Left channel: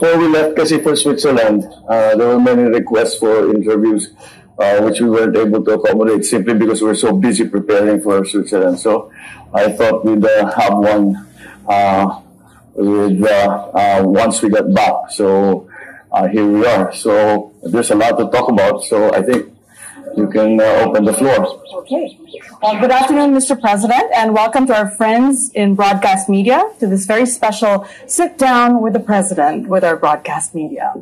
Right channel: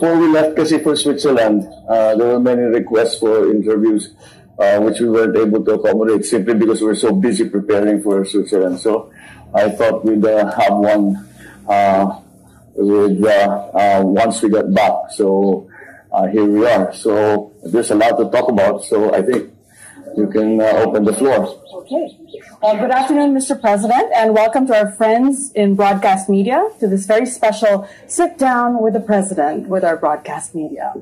before we left kasi for Switzerland, there were many requests for interviews, which we weren't able to accommodate simply because we were so busy preparing for Switzerland. So I thought we'd have one once we got back. So here we are. So there's a lot to talk about. So I think you can open the floor. Okay. Good afternoon, Mr. President, and welcome to our friends in broadcast media to this very special sit down with the President with our broadcast media.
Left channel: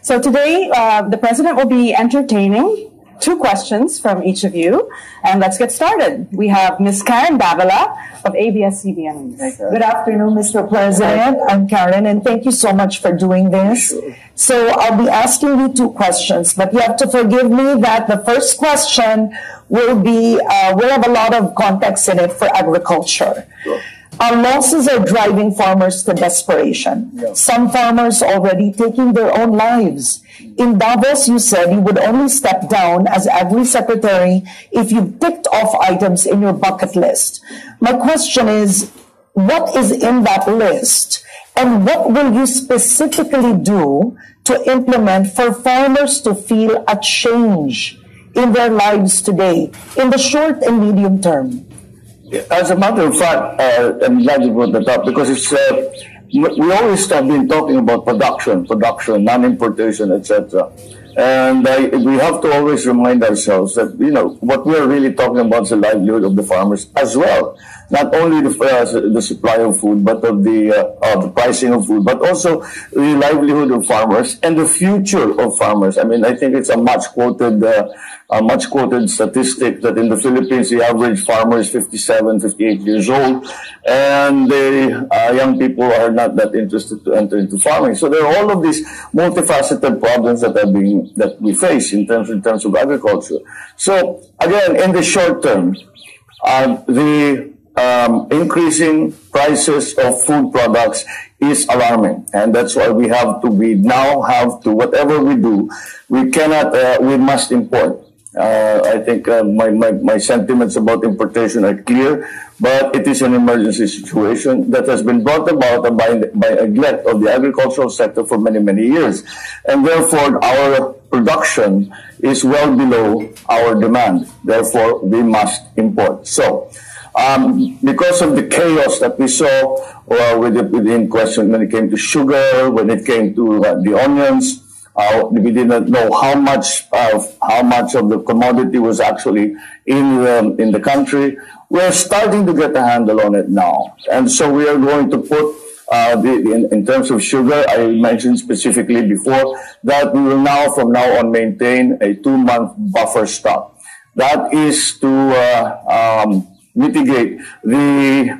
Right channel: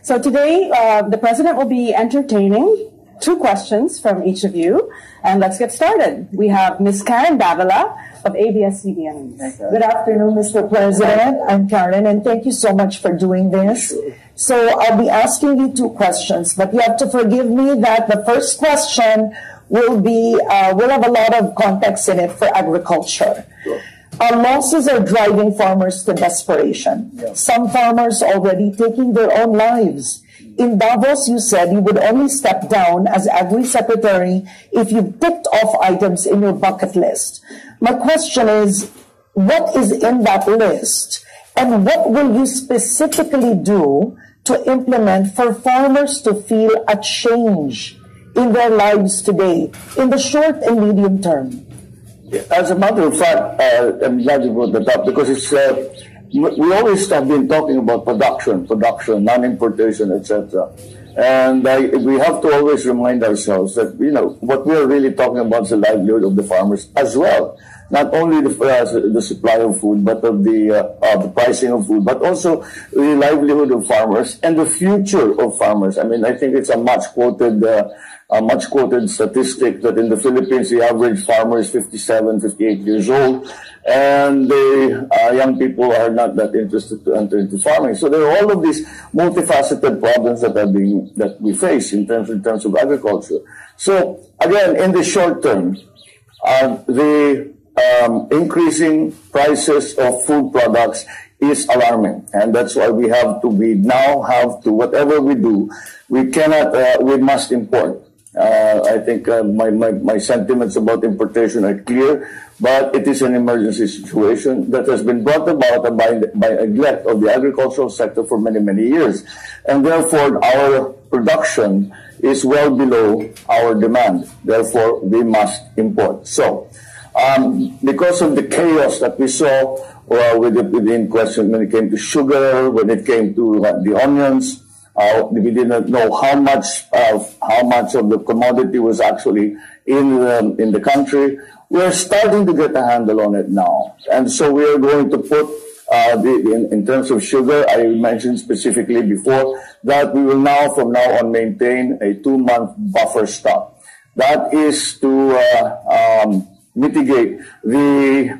So today, the President will be entertaining 2 questions from each of you, and let's get started. We have Ms. Karen Davila of ABS-CBN. Good afternoon, Mr. President. I'm Karen, and thank you so much for doing this. So I'll be asking you 2 questions, but you have to forgive me that the first question will have a lot of context in it for agriculture. Sure. Our losses are driving farmers to desperation. Yeah. Some farmers already taking their own lives. In Davos, you said you would only step down as Agri Secretary if you ticked off items in your bucket list. My question is, what is in that list? And what will you specifically do to implement for farmers to feel a change in their lives today, in the short and medium term? As a matter of fact, I'm glad you brought that up because it's we always have been talking about production, non-importation, etc. And we have to always remind ourselves that what we're really talking about is the livelihood of the farmers as well. Not only the supply of food, but of the pricing of food, but also the livelihood of farmers and the future of farmers. I mean, I think it's a much quoted statistic that in the Philippines, the average farmer is 57, 58 years old, and the young people are not that interested to enter into farming. So there are all of these multifaceted problems that we face in terms of agriculture. So again, in the short term, the increasing prices of food products is alarming, and that's why we now have to, whatever we do, we must import. I think my sentiments about importation are clear, but it is an emergency situation that has been brought about by neglect of the agricultural sector for many, many years. And therefore, our production is well below our demand. Therefore, we must import. So, because of the chaos that we saw within question when it came to sugar, when it came to the onions, we didn't know how much of the commodity was actually in the country. We're starting to get a handle on it now, and so we are going to put in terms of sugar. I mentioned specifically before that we will now, from now on, maintain a 2-month buffer stock. That is to mitigate the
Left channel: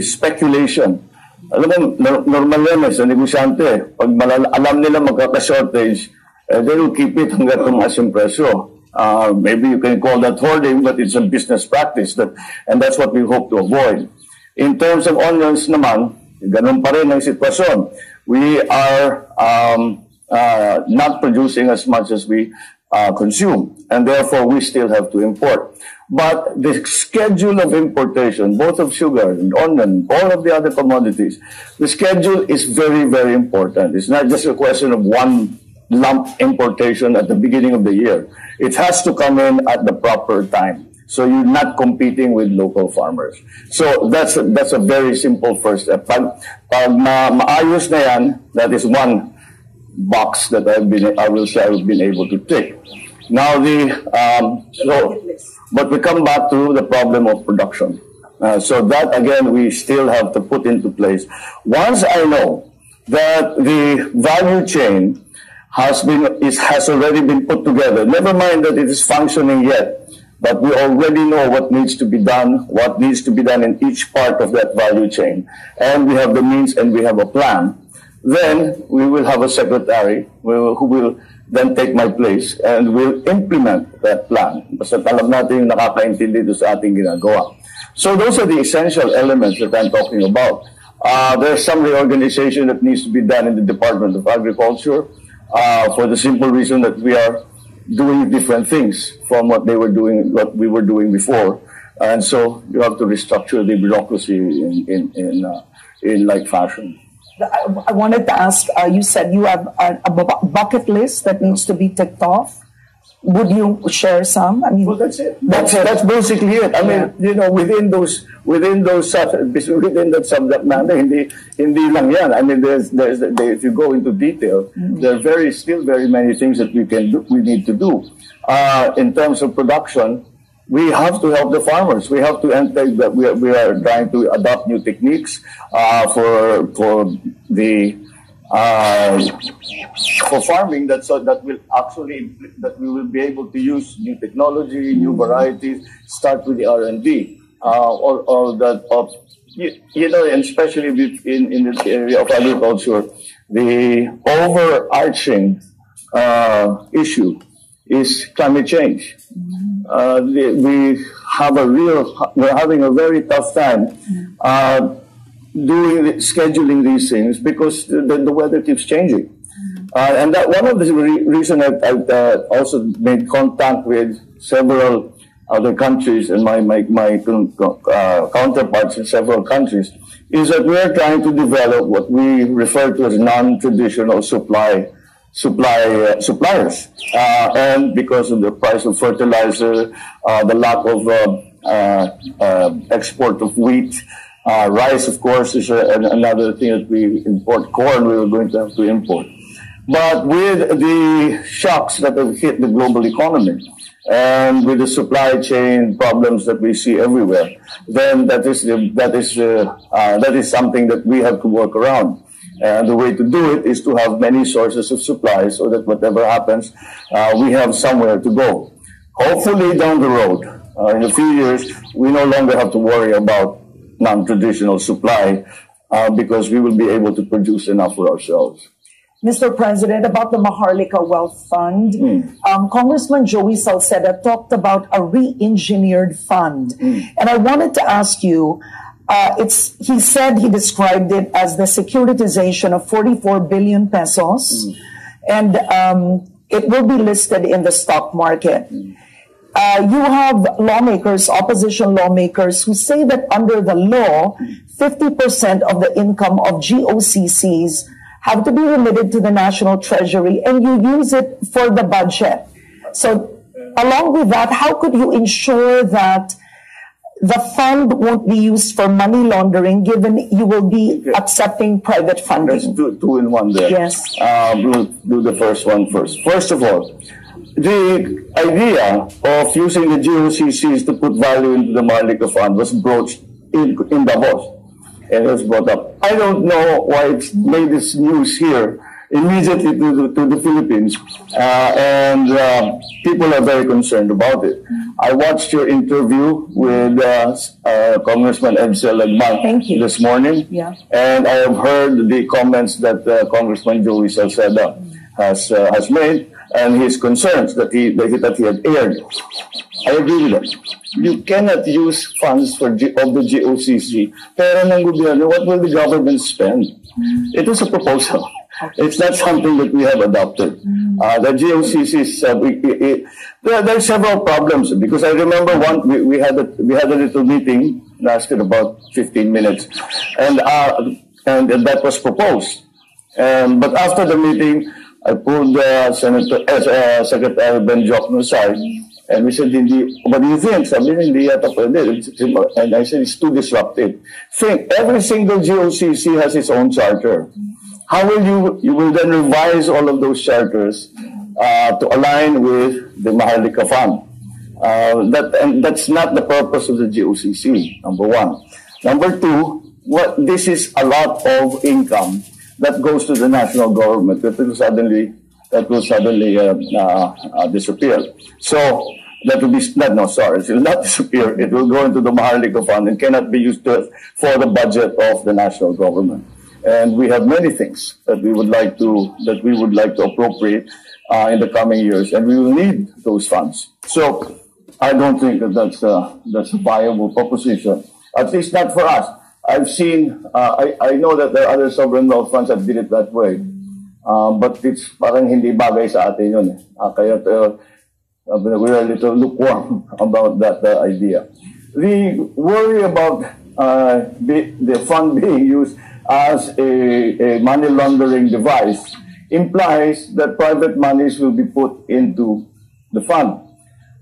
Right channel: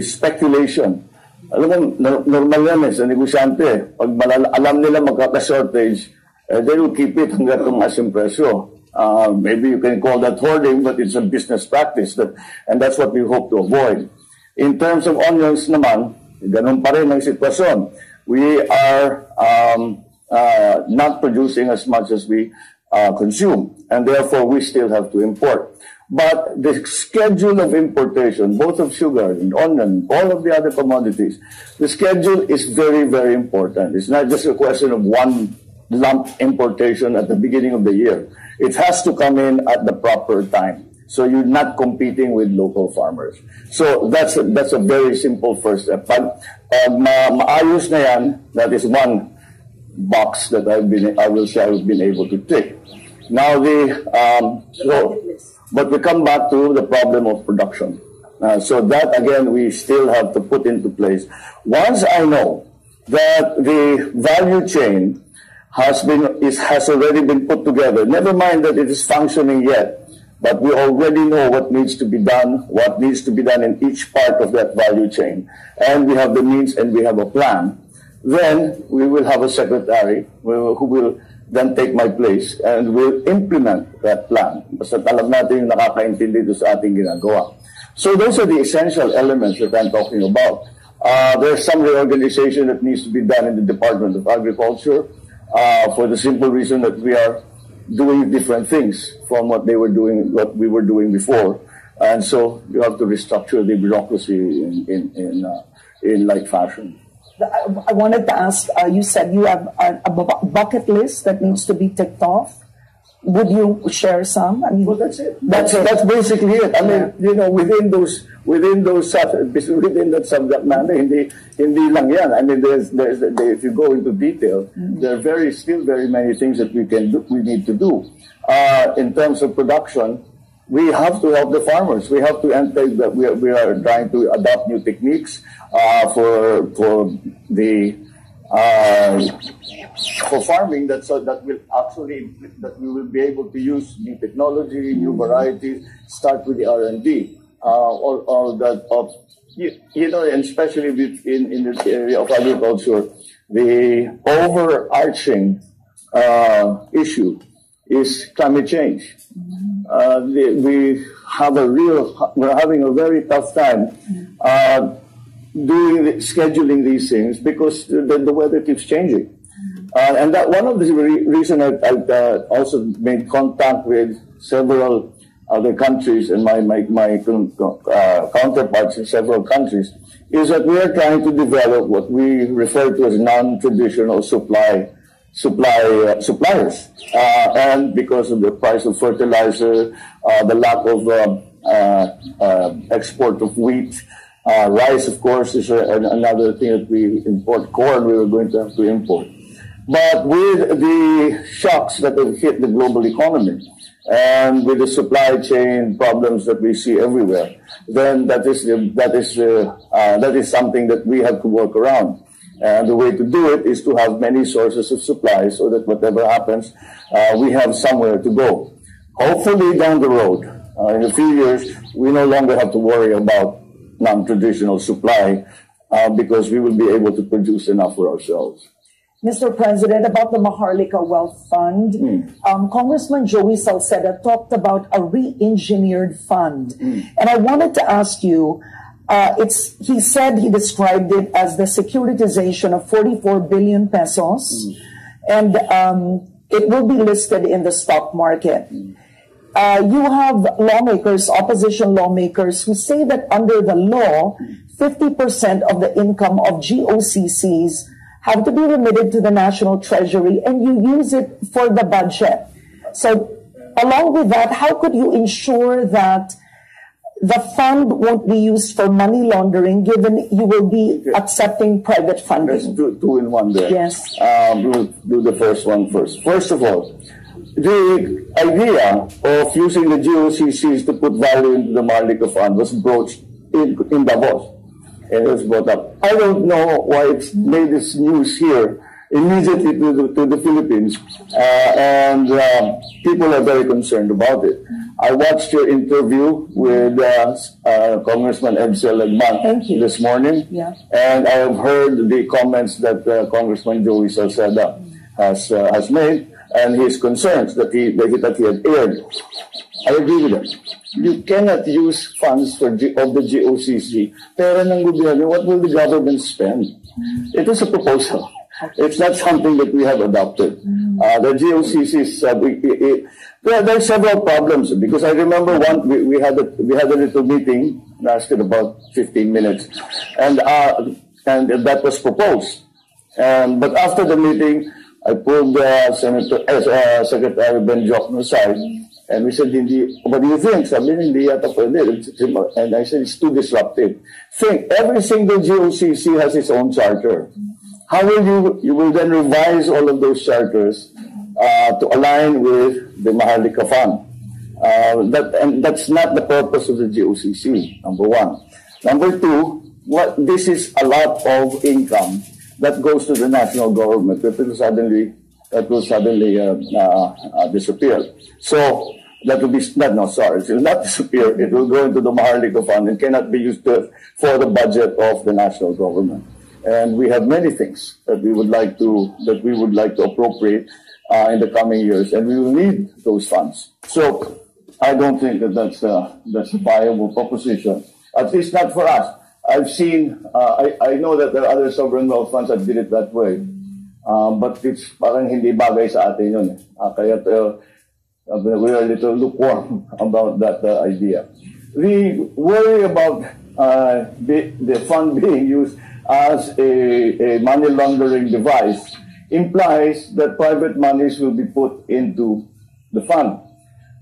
speculation. Alam mo, normal yan sa negosyante. Pag alam nila magkaka-shortage, they will keep it hanggang tumaas yung presyo. Maybe you can call that hoarding, but it's a business practice, and that's what we hope to avoid. In terms of onions naman, ganun pa rin ang sitwasyon. We are not producing as much as we consume, and therefore we still have to import. But the schedule of importation, both of sugar and onion, all of the other commodities, the schedule is very, very important. It's not just a question of one lump importation at the beginning of the year. It has to come in at the proper time. So you're not competing with local farmers. So that's a very simple first step. Pag maayos na yan, that is one box that I've been able to tick. Now but we come back to the problem of production. So that, again, we still have to put into place. Once I know that the value chain has already been put together, never mind that it is functioning yet, but we already know what needs to be done in each part of that value chain, and we have the means and we have a plan, then we will have a secretary who will then take my place and will implement that plan. Basta alam natin yung nakakaintindi doon sa ating ginagawa. So those are the essential elements that I'm talking about. There's some reorganization that needs to be done in the Department of Agriculture for the simple reason that we are doing different things from what we were doing before. And so you have to restructure the bureaucracy in like fashion. I wanted to ask, you said you have a bucket list that needs to be ticked off. Would you share some? I mean, well, that's it. That's basically it. I mean, you know, within that subject matter, hindi lang yan. I mean, if you go into detail, there are still very many things that we need to do. In terms of production, we have to help the farmers. We have to enter that we are trying to adopt new techniques for farming that we will be able to use new technology, new varieties. Start with the R&D, all that you know, and especially in the area of agriculture, the overarching issue is climate change. We're having a very tough time scheduling these things because the weather keeps changing. And that one of the reasons I've also made contact with several other countries and my counterparts in several countries is that we are trying to develop what we refer to as non-traditional suppliers. And because of the price of fertilizer, the lack of export of wheat, rice, of course, is another thing that we import. Corn, we were going to have to import. But with the shocks that have hit the global economy and with the supply chain problems that we see everywhere, then that is something that we have to work around. And the way to do it is to have many sources of supply so that whatever happens, we have somewhere to go. Hopefully down the road, in a few years, we no longer have to worry about non-traditional supply because we will be able to produce enough for ourselves. Mr. President, about the Maharlika Wealth Fund, Congressman Joey Salceda talked about a re-engineered fund. And I wanted to ask you, he said he described it as the securitization of 44 billion pesos, and it will be listed in the stock market. You have lawmakers, opposition lawmakers, who say that under the law, 50% of the income of GOCCs have to be remitted to the National Treasury, and you use it for the budget. So along with that, how could you ensure that the fund won't be used for money laundering, given you will be accepting private funding? Let's do two in one there. Yes. We'll do the first one first. First of all, the idea of using the GOCCs to put value into the Maharlika Fund was broached in Davos. And it was brought up. I don't know why it's made this news here immediately to the Philippines, and people are very concerned about it. I watched your interview with Congressman Edsel Lagman this morning, and I have heard the comments that Congressman Joey Salceda has made, and his concerns that he had aired. I agree with that. You cannot use funds of the GOCC. Pero ng gobyerno, what will the government spend? It is a proposal. It's not something that we have adopted. The GOCCs, there are several problems because I remember we had a little meeting, lasted about 15 minutes, and that was proposed. But after the meeting, I pulled Secretary Ben Jokno aside. And we said, what do you think? Sabi niya, hindi yata pwede. And I said, it's too disruptive. Think, every single GOCC has its own charter. How will you will then revise all of those charters to align with the Maharlika Fund? That's not the purpose of the GOCC, number one. Number two, this is a lot of income that goes to the national government that will suddenly disappear. So that will be it will not disappear. It will go into the Maharlika Fund and cannot be used for the budget of the national government. And we have many things that we would like to appropriate in the coming years, and we will need those funds. So I don't think that's a viable proposition. At least not for us. I've seen. I know that there are other sovereign wealth funds that did it that way. But it's parang hindi bagay sa atin yun. Kaya we are a little lukewarm about that idea. The worry about the fund being used as a money laundering device implies that private monies will be put into the fund.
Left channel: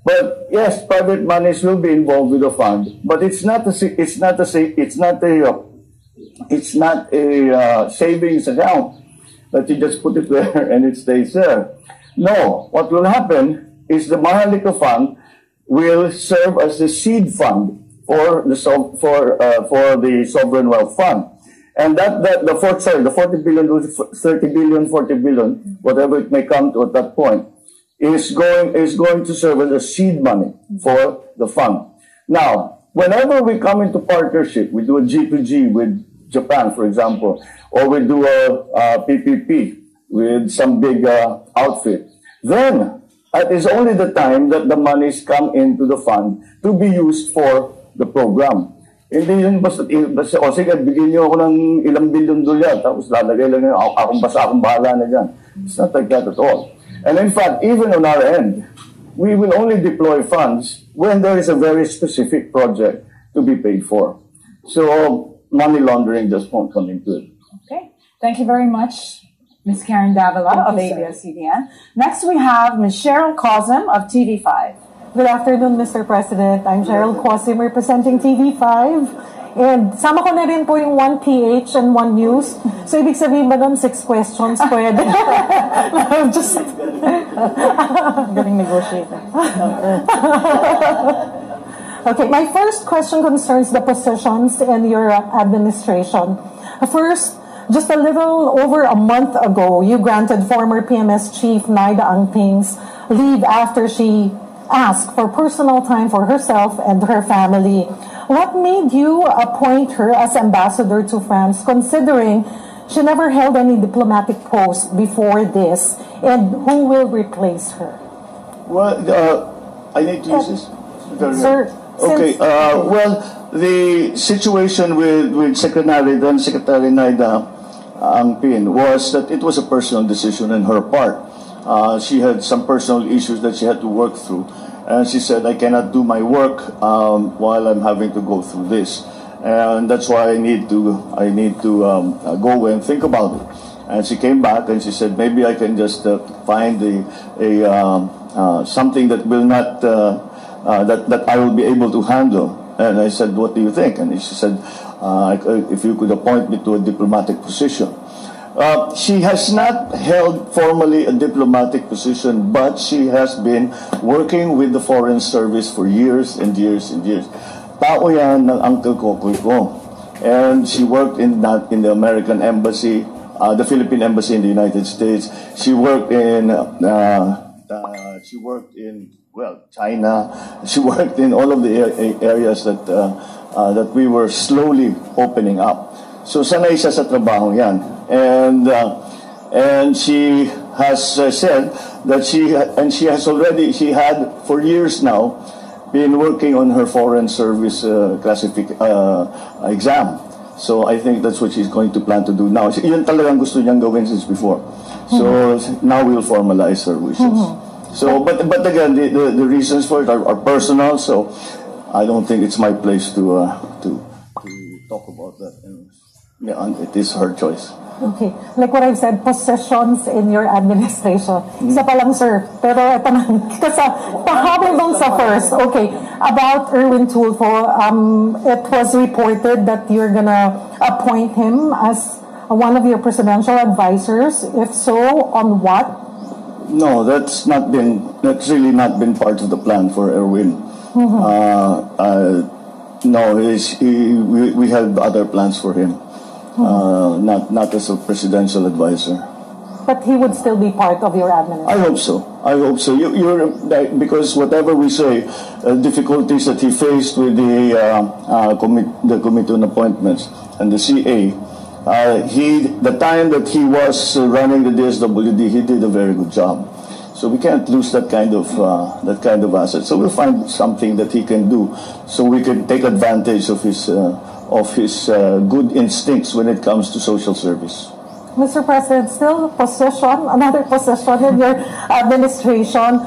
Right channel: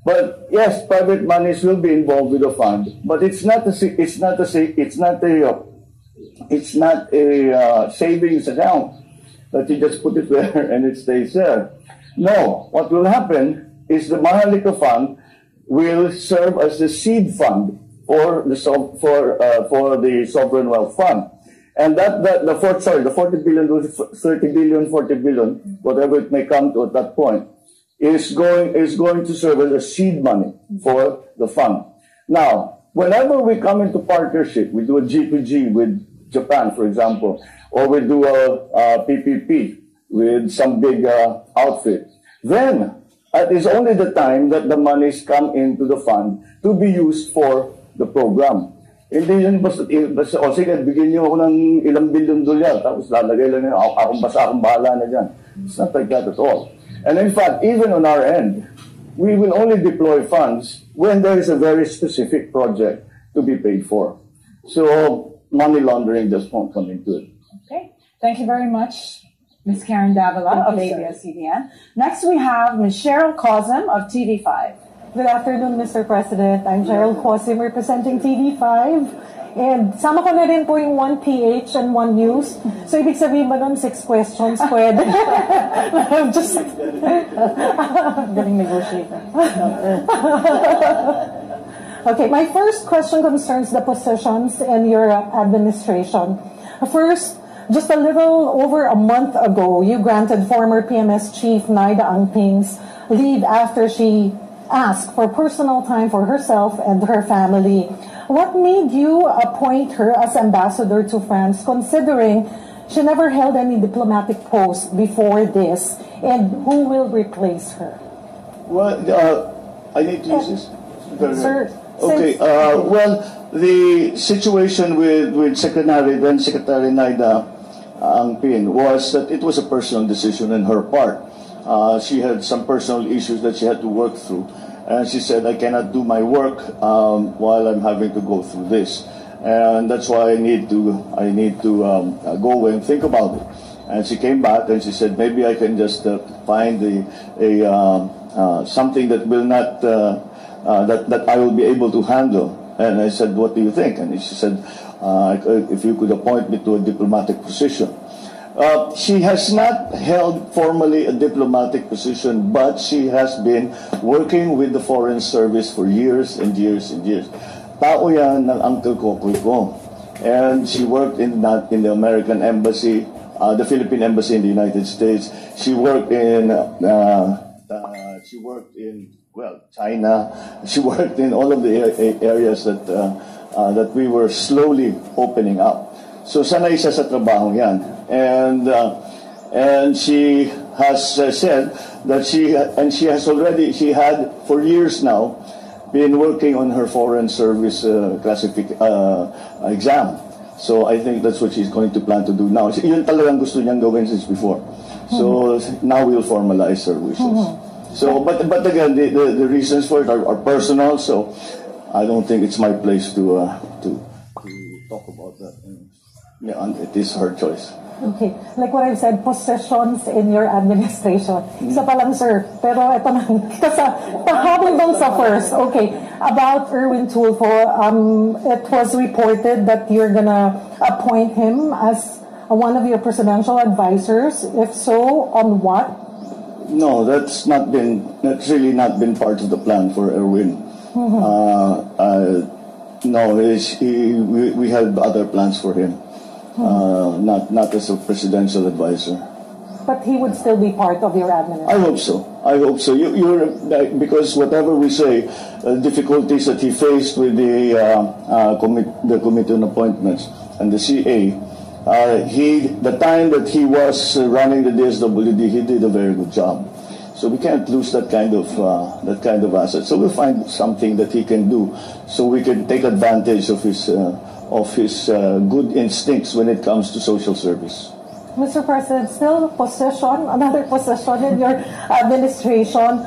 But yes, private monies will be involved with the fund, but it's not a savings account that you just put it there and it stays there. No, what will happen is the Maharlika Fund will serve as the seed fund for the sovereign wealth fund, and the 40 billion, 30 billion, 40 billion, whatever it may come to at that point, is going to serve as a seed money for the fund. Now, whenever we come into partnership, we do a G2G with Japan, for example, or we do a PPP with some big outfit, then it is only the time that the monies come into the fund to be used for the program. Hindi yun basta o sige, bigyan niyo ako ng ilang bilyon dolyar, tapos lalagay lang yun, akong bahala na dyan. It's not like that at all. And in fact, even on our end, we will only deploy funds when there is a very specific project to be paid for. So money laundering just won't come into it. Okay. Thank you very much, Ms. Karen Davila of ABS-CBN. Next, we have Ms. Cheryl Cosim of TV5. Good afternoon, Mr. President. I'm Cheryl Cosim representing TV5. And sama ko na rin po yung 1PH and 1 News. So, ibig sabihin ba nun 6 questions pwede? Just... Galing negotiator. Okay, my first question concerns the positions in your administration. First, just a little over a month ago, you granted former PMS Chief Naida Angping's leave after she asked for personal time for herself and her family. What made you appoint her as ambassador to France, considering she never held any diplomatic post before this, and who will replace her? Well, I need to use this? Sir, okay, well, the situation with then Secretary Naida Angping was that it was a personal decision on her part. She had some personal issues that she had to work through, and she said, I cannot do my work while I'm having to go through this, and that's why I need to go and think about it. And she came back and she said, maybe I can just find something that will not that I will be able to handle. And I said, what do you think? And she said, if you could appoint me to a diplomatic position. She has not held formally a diplomatic position, but she has been working with the Foreign Service for years and years and years. Tao yan ng uncle ko. And she worked in the American Embassy, the Philippine Embassy in the United States. She worked in China. She worked in all of the areas that we were slowly opening up. So sanay siya sa trabaho yan. And she has said that she had for years now been working on her Foreign Service exam. So I think that's what she's going to plan to do now. Yun talagang gusto niyang gawin since before. So now we'll formalize her wishes. So, but again, the reasons for it are personal. So I don't think it's my place to talk about that. Yeah, it is her choice. Okay. Like what I've said, possessions in your administration. Isa pa lang, sir. Pero ito na. Pahabol bang sa first? Okay. About Erwin Tulfo, it was reported that you're gonna appoint him as one of your presidential advisors. If so, on what? No, that's really not been part of the plan for Erwin. No, we had other plans for him. Not as a presidential advisor. But he would still be part of your administration. I hope so. Because whatever we say, difficulties that he faced with the Committee on Appointments and the CA, the time that he was running the DSWD, he did a very good job. So we can't lose that kind of asset. So we'll find something that he can do, so we can take advantage of his good instincts when it comes to social service. Mr. President, still another position in your administration.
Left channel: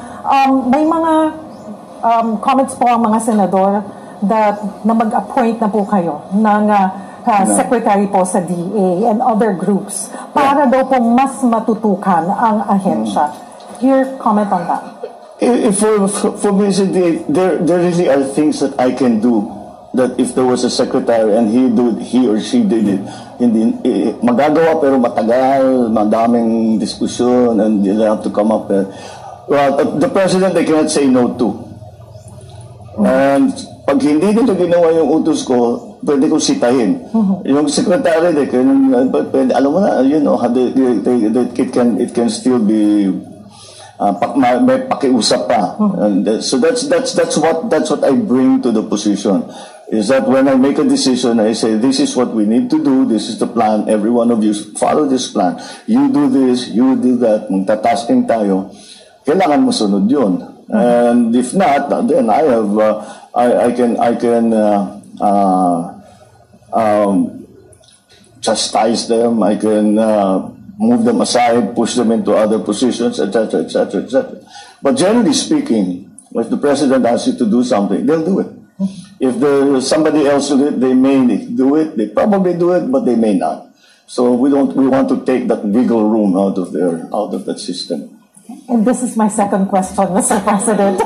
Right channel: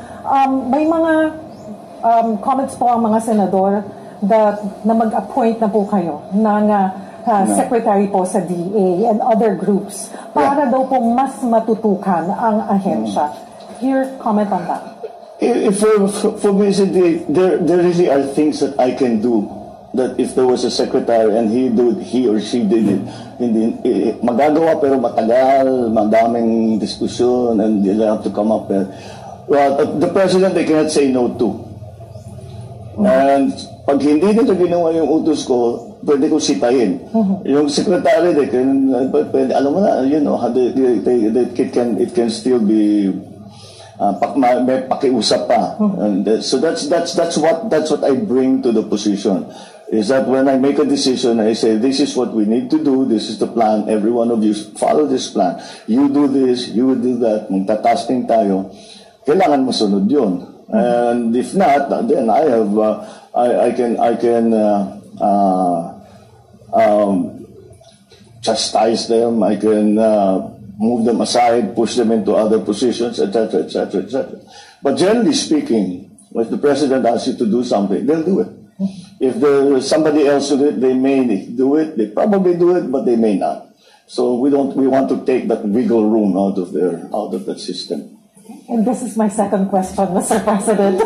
May mga comments po ang mga senador na mag-appoint na po kayo ng secretary po sa DA and other groups para daw po mas matutukan ang ahensya. Your comment on that? For me, there really are things that I can do that if there was a secretary and he or she did it, hindi magagawa pero matagal, madaming diskusyon, and you have to come up with. Well, the president they cannot say no to. And pag hindi nito ginawa yung utos ko, pwede ko sitahin. Yung secretary, alam mo na, you know, it can still be may pakiusap pa. And so that's what I bring to the position. Is that when I make a decision, I say, this is what we need to do, this is the plan, every one of you follow this plan. You do this, you do that, magtatasking tayo. Kailangan mo sunod yun. And if not, then I have, I can chastise them, I can move them aside, push them into other positions, etc., etc., etc. But generally speaking, if the president asks you to do something, they'll do it. If there's somebody else who do it, they may do it, they probably do it, but they may not. So we want to take that wiggle room out of that system. And this is my second question, Mr. President.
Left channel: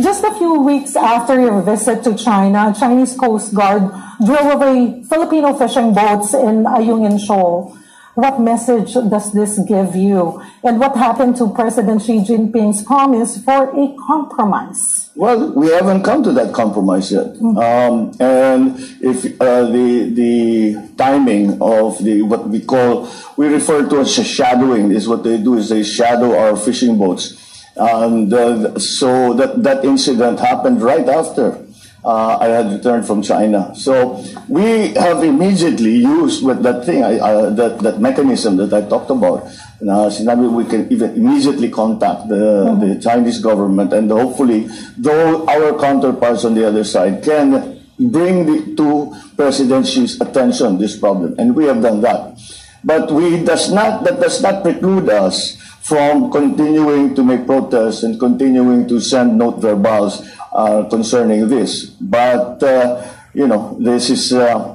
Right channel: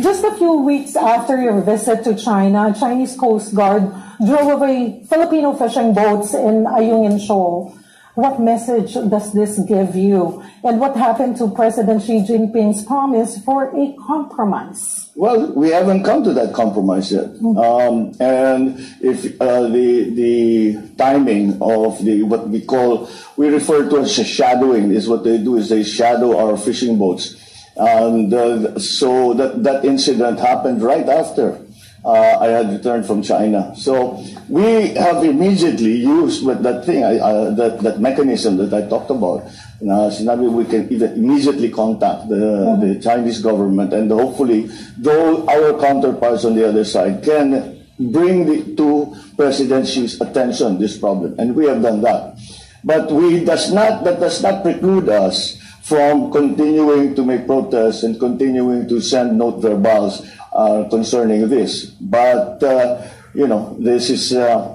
Just a few weeks after your visit to China, Chinese Coast Guard drove away Filipino fishing boats in Ayungin Shoal. What message does this give you? And what happened to President Xi Jinping's promise for a compromise? Well, we haven't come to that compromise yet. And if the timing of what we refer to as shadowing, is what they do is they shadow our fishing boats. And so that incident happened right after I had returned from China. So we have immediately used with that thing, that mechanism that I talked about. Sinabi we can even immediately contact the Chinese government, and hopefully, though our counterparts on the other side can bring to President Xi's attention this problem, and we have done that. But that does not preclude us from continuing to make protests and continuing to send note verbals concerning this. But you know, this is a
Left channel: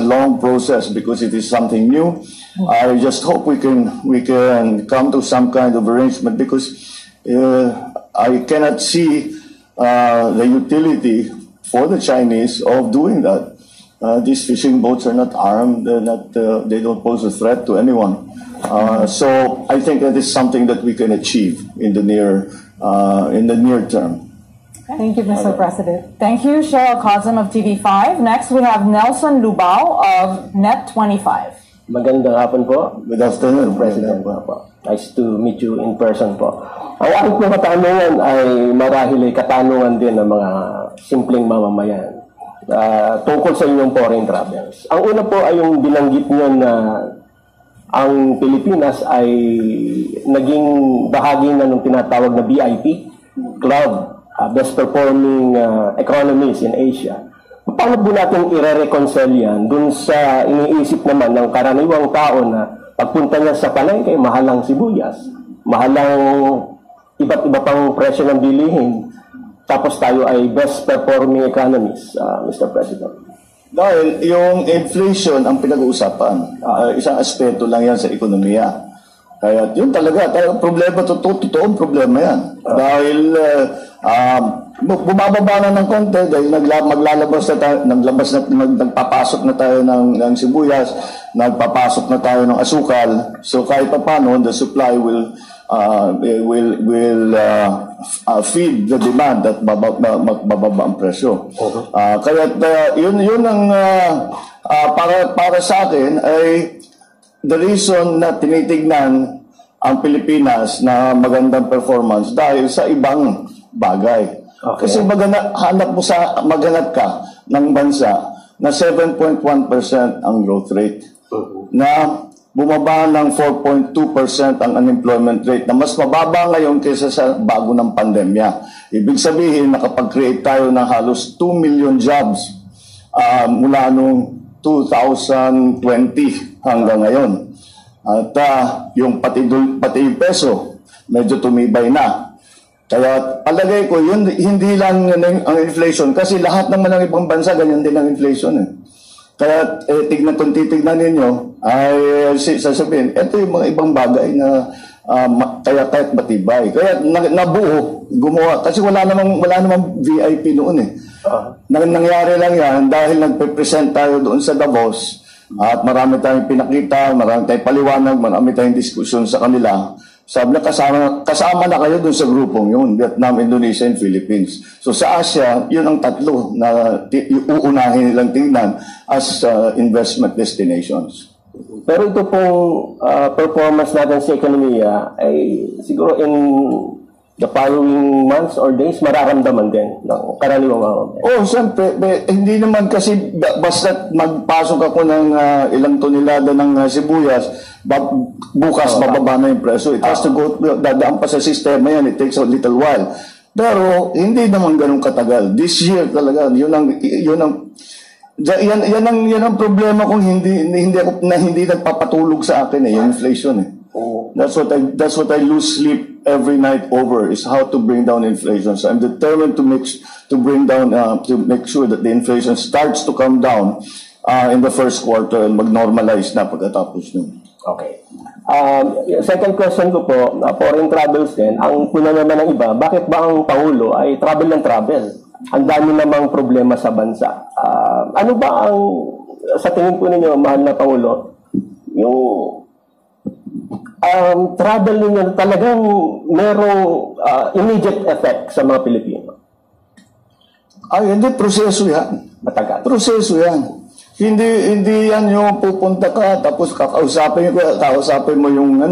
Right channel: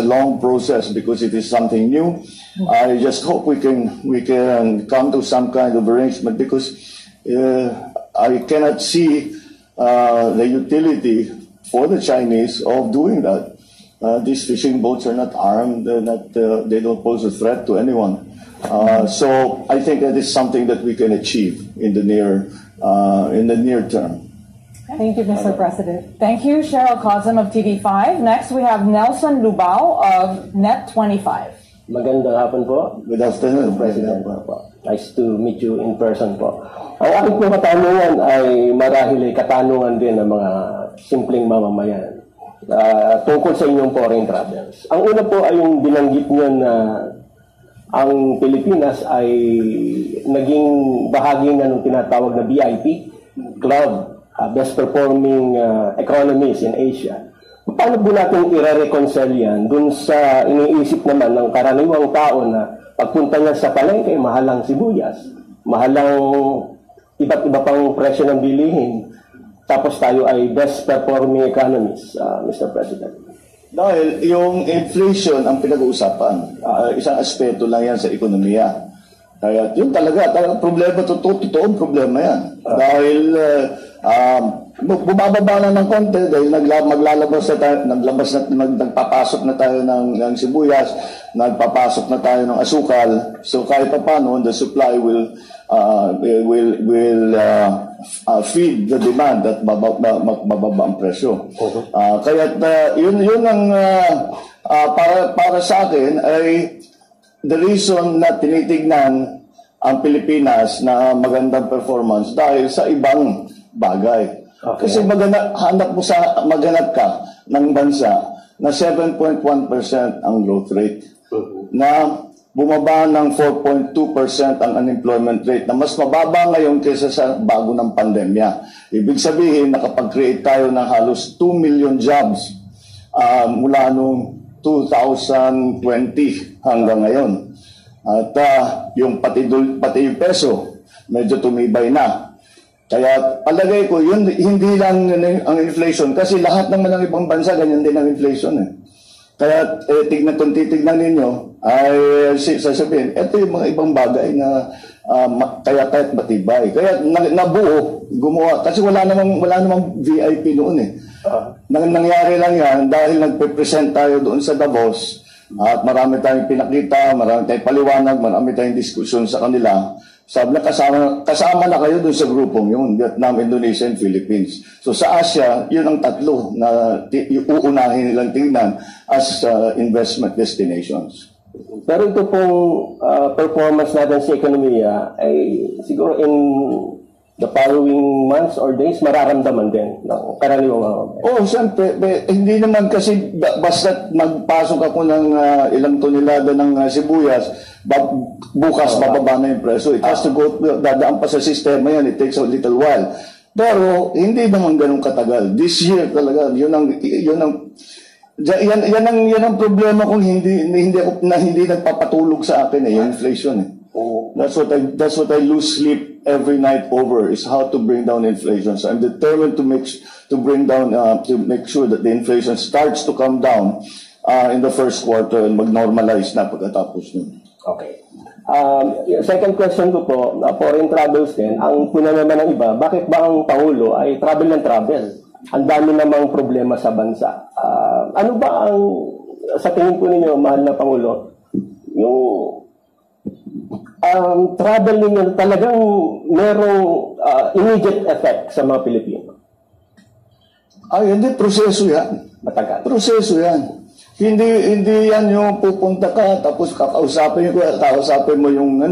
long process because it is something new. I just hope we can come to some kind of arrangement, because I cannot see the utility for the Chinese of doing that. These fishing boats are not armed; they don't pose a threat to anyone. So I think that is something that we can achieve in the near term. Thank you, Mr. President. Thank you, Cheryl Cosm of TV5. Next, we have Nelson Lubao of Net25. Magandang hapon po. Good afternoon, President. Nice to meet you in person po. Ang aking po katanungan ay marahil ay katanungan din ng mga simpleng mamamayan tungkol sa inyong foreign travels. Ang una po ay yung binanggit nyo na ang Pilipinas ay naging bahagi na ng tinatawag na BIP Club, best performing economies in Asia. Paano po natin i-reconcile yan dun sa iniisip naman ng karaniwang tao na pagpunta niya sa palengke, mahalang sibuyas, mahalang iba't iba pang presyo ng bilihin, tapos tayo ay best performing economies, Mr. President? Dahil yung inflation ang pinag-uusapan, isang aspeto lang yan sa ekonomiya. Kaya yun talaga problema, totoong problema yan. Dahil bumababa na ng konti dahil maglalabas na tayo, nagpapasok na tayo ng sibuyas, nagpapasok na tayo ng asukal. So kahit pa paano, the supply will feed the demand at bababa ang presyo. Kaya yun ang para sa akin ay the reason na tinitignan ang Pilipinas na magandang performance dahil sa ibang bagay. Okay. Kasi maghanap ka ng bansa na 7.1% ang growth rate, na bumaba ng 4.2% ang unemployment rate, na mas mababa ngayon kaysa sa bago ng pandemya. Ibig sabihin, nakapag-create tayo ng halos 2 million jobs mula noong 2020 hanggang ngayon. At yung pati yung peso, medyo tumibay na. Kaya palagay ko, yun, hindi lang ang inflation, kasi lahat naman ng ibang bansa, ganyan din ang inflation. Kaya kung titignan ninyo, ay sasabihin, ito yung mga ibang bagay na kaya kahit matibay. Kaya nabuo, gumawa. Kasi wala namang VIP noon eh. Nangyari lang yan dahil nagpe-present tayo doon sa Davos at marami tayong pinakita, marami tayong paliwanag, marami tayong diskusyon sa kanila. Sabi na kasama na kayo dun sa grupong yun, Vietnam, Indonesia, and Philippines. So sa Asia, yun ang tatlo na uunahin nilang tingnan as investment destinations. Pero ito pong performance natin sa ekonomiya ay siguro in the following months or days mararamdaman din ng karaniwang mamamayan. Oh, siyempre, hindi naman kasi basta magpasok ako ng ilang tonelada ng sibuyas, bukas bababa na yung preso. It has to go, dadaan pa sa sistema yan, it takes a little while. Pero hindi naman ganun katagal. This year talaga, yun ang problema kung hindi nagpapatulog sa akin yung inflation eh. That's what I lose sleep every night over, is how to bring down inflation. So I'm determined to bring down to make sure that the inflation starts to come down in the first quarter and mag-normalize na pagkatapos nun. Okay. Second question ko po, foreign travels din. Ang puna naman ng iba, bakit ba ang Pangulo ay travel ng travel? Ang dami namang problema sa bansa. Ano ba ang, sa tingin po ninyo, mahal na Pangulo, yung travel ninyo talagang merong immediate effect sa mga Pilipino? Ay, hindi. Proseso yan. Matagal. Proseso yan. Hindi yan yung pupunta ka, tapos kakausapin mo yung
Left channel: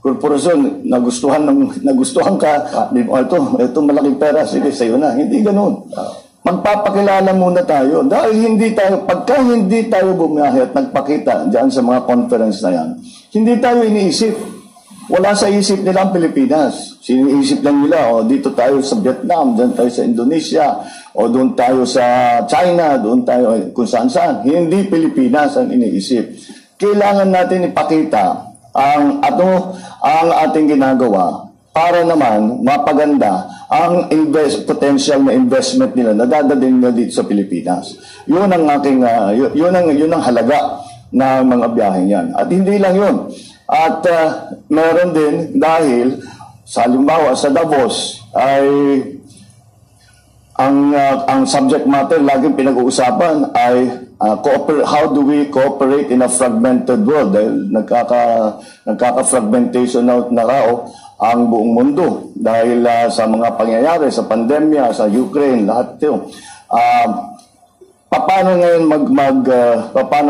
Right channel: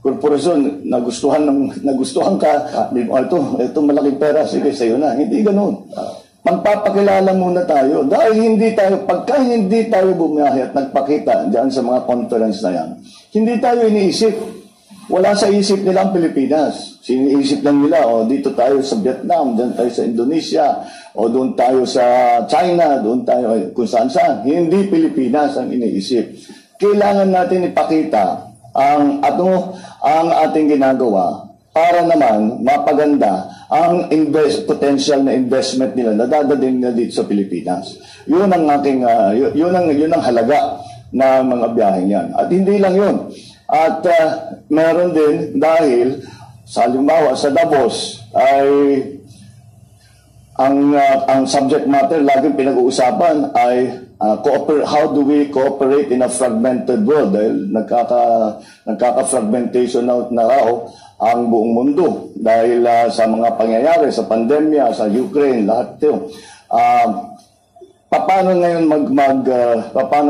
korporasyon, nagustuhan ka, ito malaking pera, sige, sa'yo na. Hindi ganun. Magpapakilala muna tayo. Dahil pagka hindi tayo bumiyahe at nagpakita dyan sa mga conference na yan, hindi tayo iniisip. Wala sa isip nila ang Pilipinas. Siniisip lang nila, dito tayo sa Vietnam, dyan tayo sa Indonesia, o doon tayo sa China, doon tayo kung saan-saan. Hindi Pilipinas ang iniisip. Kailangan natin ipakita ang ating ginagawa para naman mapaganda ang potential na investment nila na dadalhin nila dito sa Pilipinas. Yun ang halaga na mga biyaheng yan. At hindi lang yun. At meron din dahil sa halimbawa sa Davos ay ang subject matter laging pinag-uusapan ay how do we cooperate in a fragmented world, dahil nagkaka-fragmentation na raw ang buong mundo dahil sa mga pangyayari sa pandemya, sa Ukraine, lahat ito. Paano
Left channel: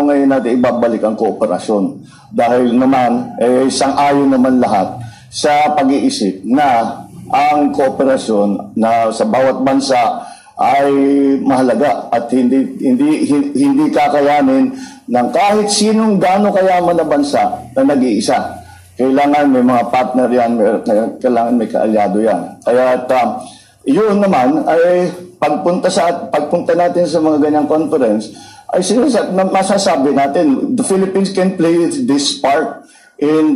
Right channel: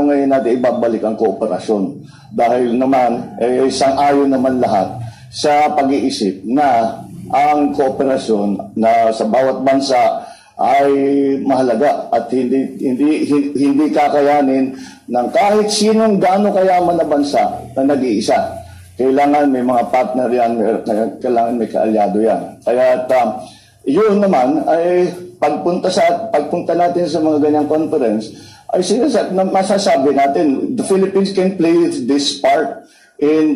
ngayon natin ibabalik ang kooperasyon? Dahil naman sang-ayon naman lahat sa pag-iisip na ang kooperasyon na sa bawat bansa ay mahalaga at hindi kakayanin ng kahit sinong gaano kayaman na bansa na nag-iisa. Kailangan may mga partner yan, kailangan may kaalyado yan. Kaya yun naman ay pagpunta natin sa mga ganyang conference, ay masasabi natin, the Philippines can play this part in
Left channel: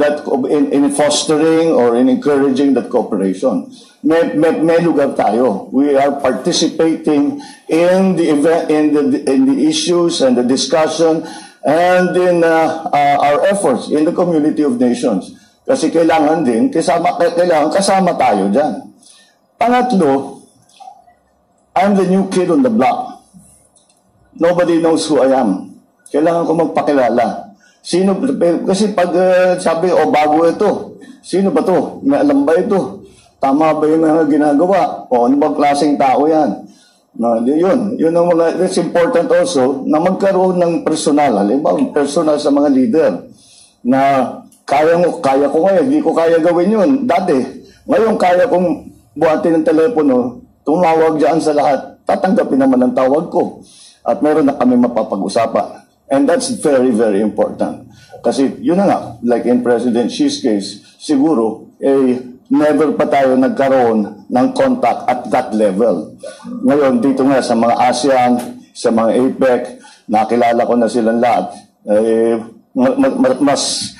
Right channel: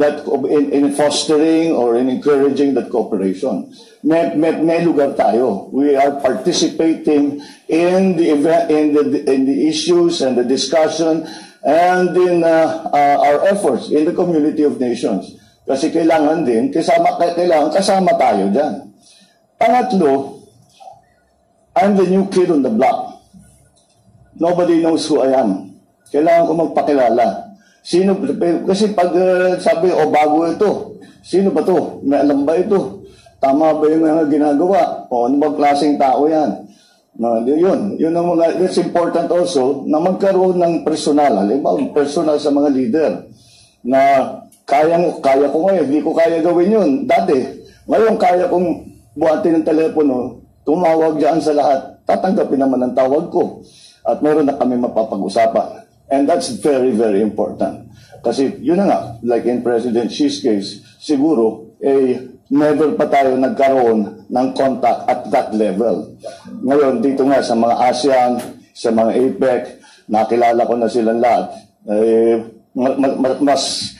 fostering or in encouraging that cooperation. May lugar tayo. We are participating in the issues and the discussion and in our efforts in the community of nations. Kasi kailangan kasama tayo dyan. Pangatlo, I'm the new kid on the block. Nobody knows who I am. Kailangan ko magpakilala. Kasi pag sabi, bago ito, sino ba to? May alam ba ito? Tama ba yung mga ginagawa? O ano ba klaseng tao yan? Yun ang mga, it's important also na magkaroon ng personal, halimbawa personal sa mga leader na kaya ko ngayon, hindi ko kaya gawin yun. Dati, ngayon kaya kong buhatin ng telepono, tumawag dyan sa lahat, tatanggapin naman ang tawag ko. At meron na kami mapapag-usapan. And that's very, very important. Kasi yun na nga, like in President Xi's case, siguro, never pa tayo nagkaroon ng contact at that level. Ngayon, dito nga sa mga ASEAN, sa mga APEC, nakilala ko na silang lahat.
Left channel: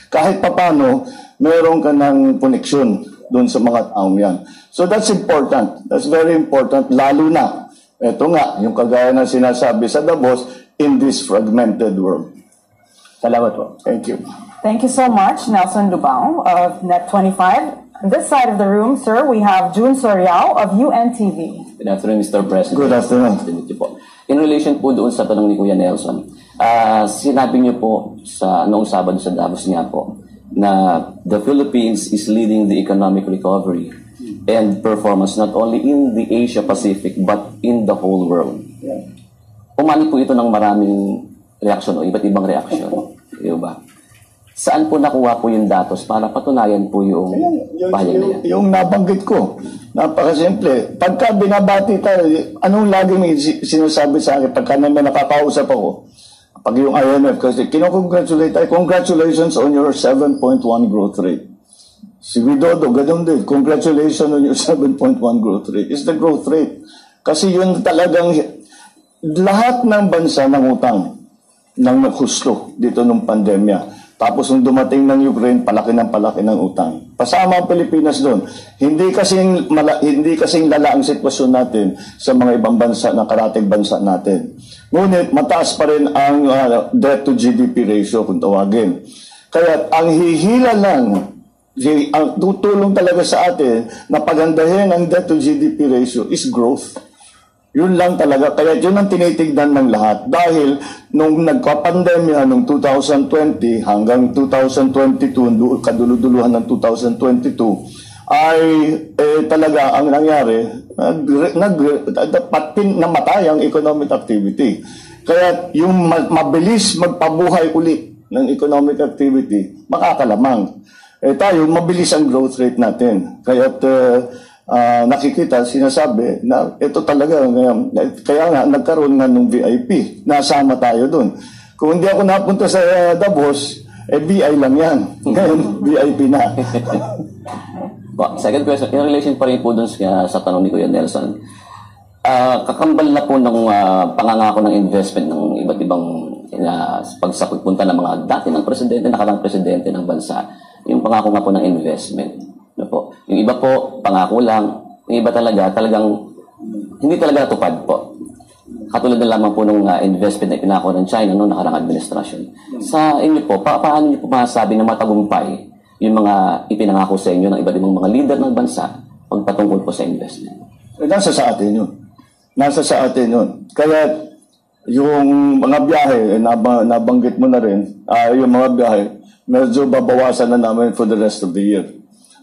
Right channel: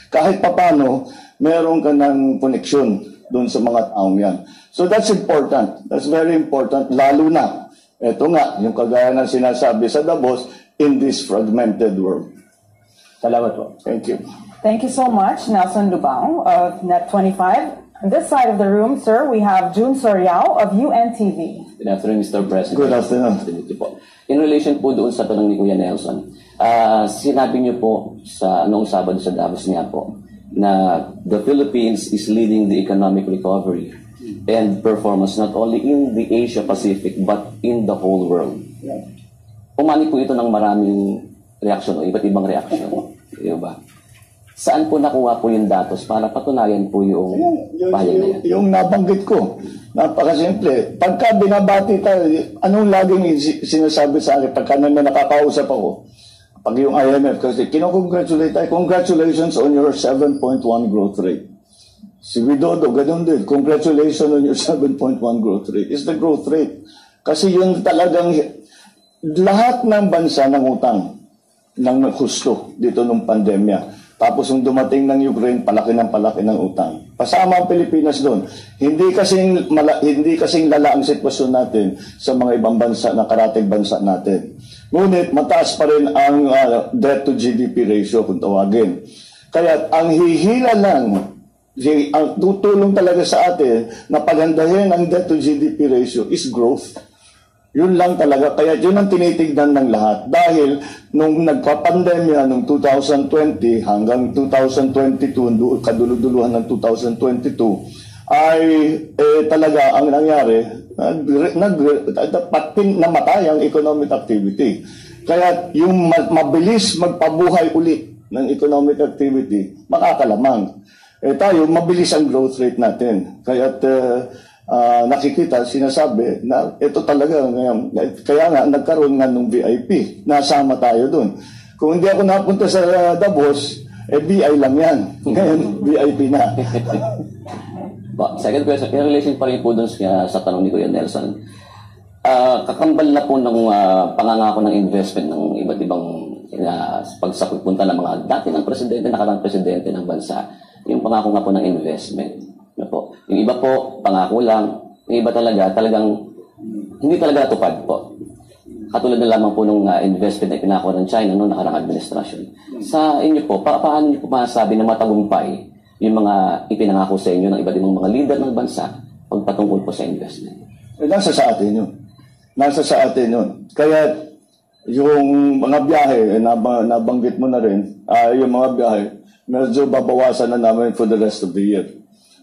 Kahit papano, meron ka ng koneksyon doon sa mga taong yan. So that's important. That's very important, lalo na. Ito nga, yung kagaya na sinasabi sa Davos, in this fragmented world. Salamat po. Thank you. Thank you so much, Nelson Lubao of Net25. On this side of the room, sir, we have June Soriao of UNTV. Good afternoon, Mr. President. Good afternoon. In relation po doon sa tanong ni Kuya Nelson, sinabi niyo po sa noong Sabado sa Davos niya po na the Philippines is leading the economic recovery and performance not only in the Asia Pacific but in the whole world. Umani po ito ng maraming reaksyon o iba't ibang reaksyon. Diba? Saan po nakuha po yung datos para patunayan po yung pahayag na yan? Yung nabanggit ko, napakasimple. Pagka binabati tayo, anong laging sinasabi sa akin pagka may nakakausap ako? Pag yung IMF, kasi kinocongratulate tayo, congratulations on your 7.1 growth rate. Si Widodo, ganun din, congratulations on your 7.1 growth rate. It's the growth rate. Kasi yun talagang, lahat ng bansa ng utang, ng naghusto dito nung pandemya. Tapos nung dumating ng Ukraine, palaki ng utang. Pasama ang Pilipinas doon. Hindi kasing lala ang sitwasyon natin sa mga ibang bansa na karating bansa natin. Ngunit mataas pa rin ang debt to GDP ratio kung tawagin. Kaya ang hihila lang, ang tutulong talaga sa atin na pagandahin ang debt to GDP ratio is growth. Yun lang talaga. Kaya yun ang tinitignan ng lahat. Dahil nung nagka-pandemya noong 2020 hanggang 2022, kaduluduluhan ng 2022, ay talaga ang nangyari, namatay ang economic activity. Kaya yung mabilis magpabuhay ulit ng economic activity, makakalamang. Tayo, mabilis ang growth rate natin. Kaya nakikita, sinasabi na ito talaga, kaya nga nagkaroon nga ng VIP, nasama tayo dun. Kung hindi ako napunta sa Davos, BI lang yan. Ngayon, VIP na. Second question, in relation pa rin po dun sa tanong ni Kuya Nelson, kakambal na po ng pangangako ng investment ng iba't ibang pagpunta ng mga dati ng presidente, nakarang presidente ng bansa, yung pangako nga po ng investment. Po. Yung iba po, pangako lang. Yung iba talagang hindi talaga natupad po. Katulad na lamang po ng investment na pinako ng China noong nakarang administrasyon. Sa inyo po, paano niyo po masasabi na matagumpay yung mga ipinangako sa inyo ng iba't ibang mga leader ng bansa pagpatungkol po sa investment? Nasa sa atin yun. Nasa sa atin yun. Kaya yung mga biyahe, nabanggit mo na rin, yung mga biyahe, medyo babawasan na namin for the rest of the year.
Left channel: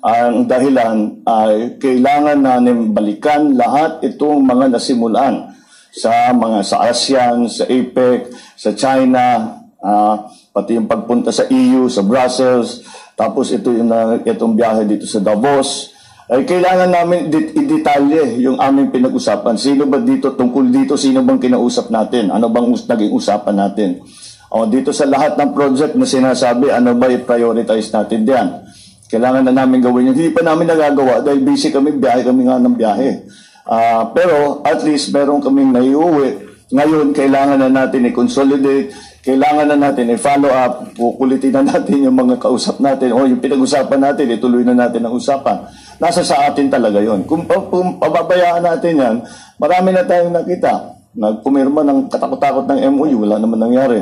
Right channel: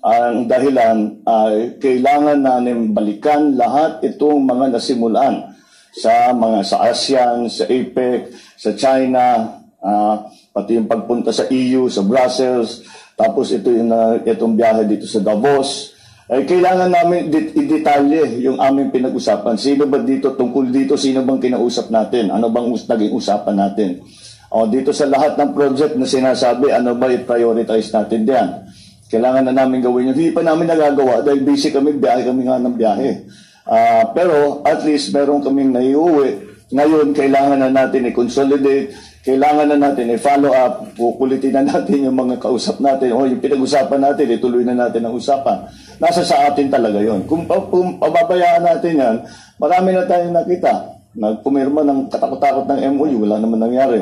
Ang dahilan ay kailangan namin balikan lahat itong mga nasimulan sa ASEAN, sa APEC, sa China, pati yung pagpunta sa EU, sa Brussels, tapos itong biyahe dito sa Davos. Ay kailangan namin i-detalye yung aming pinag-usapan. Sino ba dito, tungkol dito, sino bang kinausap natin? Ano bang naging usapan natin? Dito sa lahat ng project na sinasabi, ano ba i-prioritize natin diyan? Kailangan na namin gawin yun. Hindi pa namin nagagawa dahil busy kami nga ng biyahe. Pero at least meron kaming naiuwi. Ngayon, kailangan na natin i-consolidate, kailangan na natin i-follow up, kukulitin na natin yung mga kausap natin, o yung pinag-usapan natin, ituloy na natin ang usapan. Nasa sa atin talaga yon. Kung pababayaan natin yan, marami na tayong nakita. Nagpumirma ng katakot-takot ng MOU, wala naman nangyari.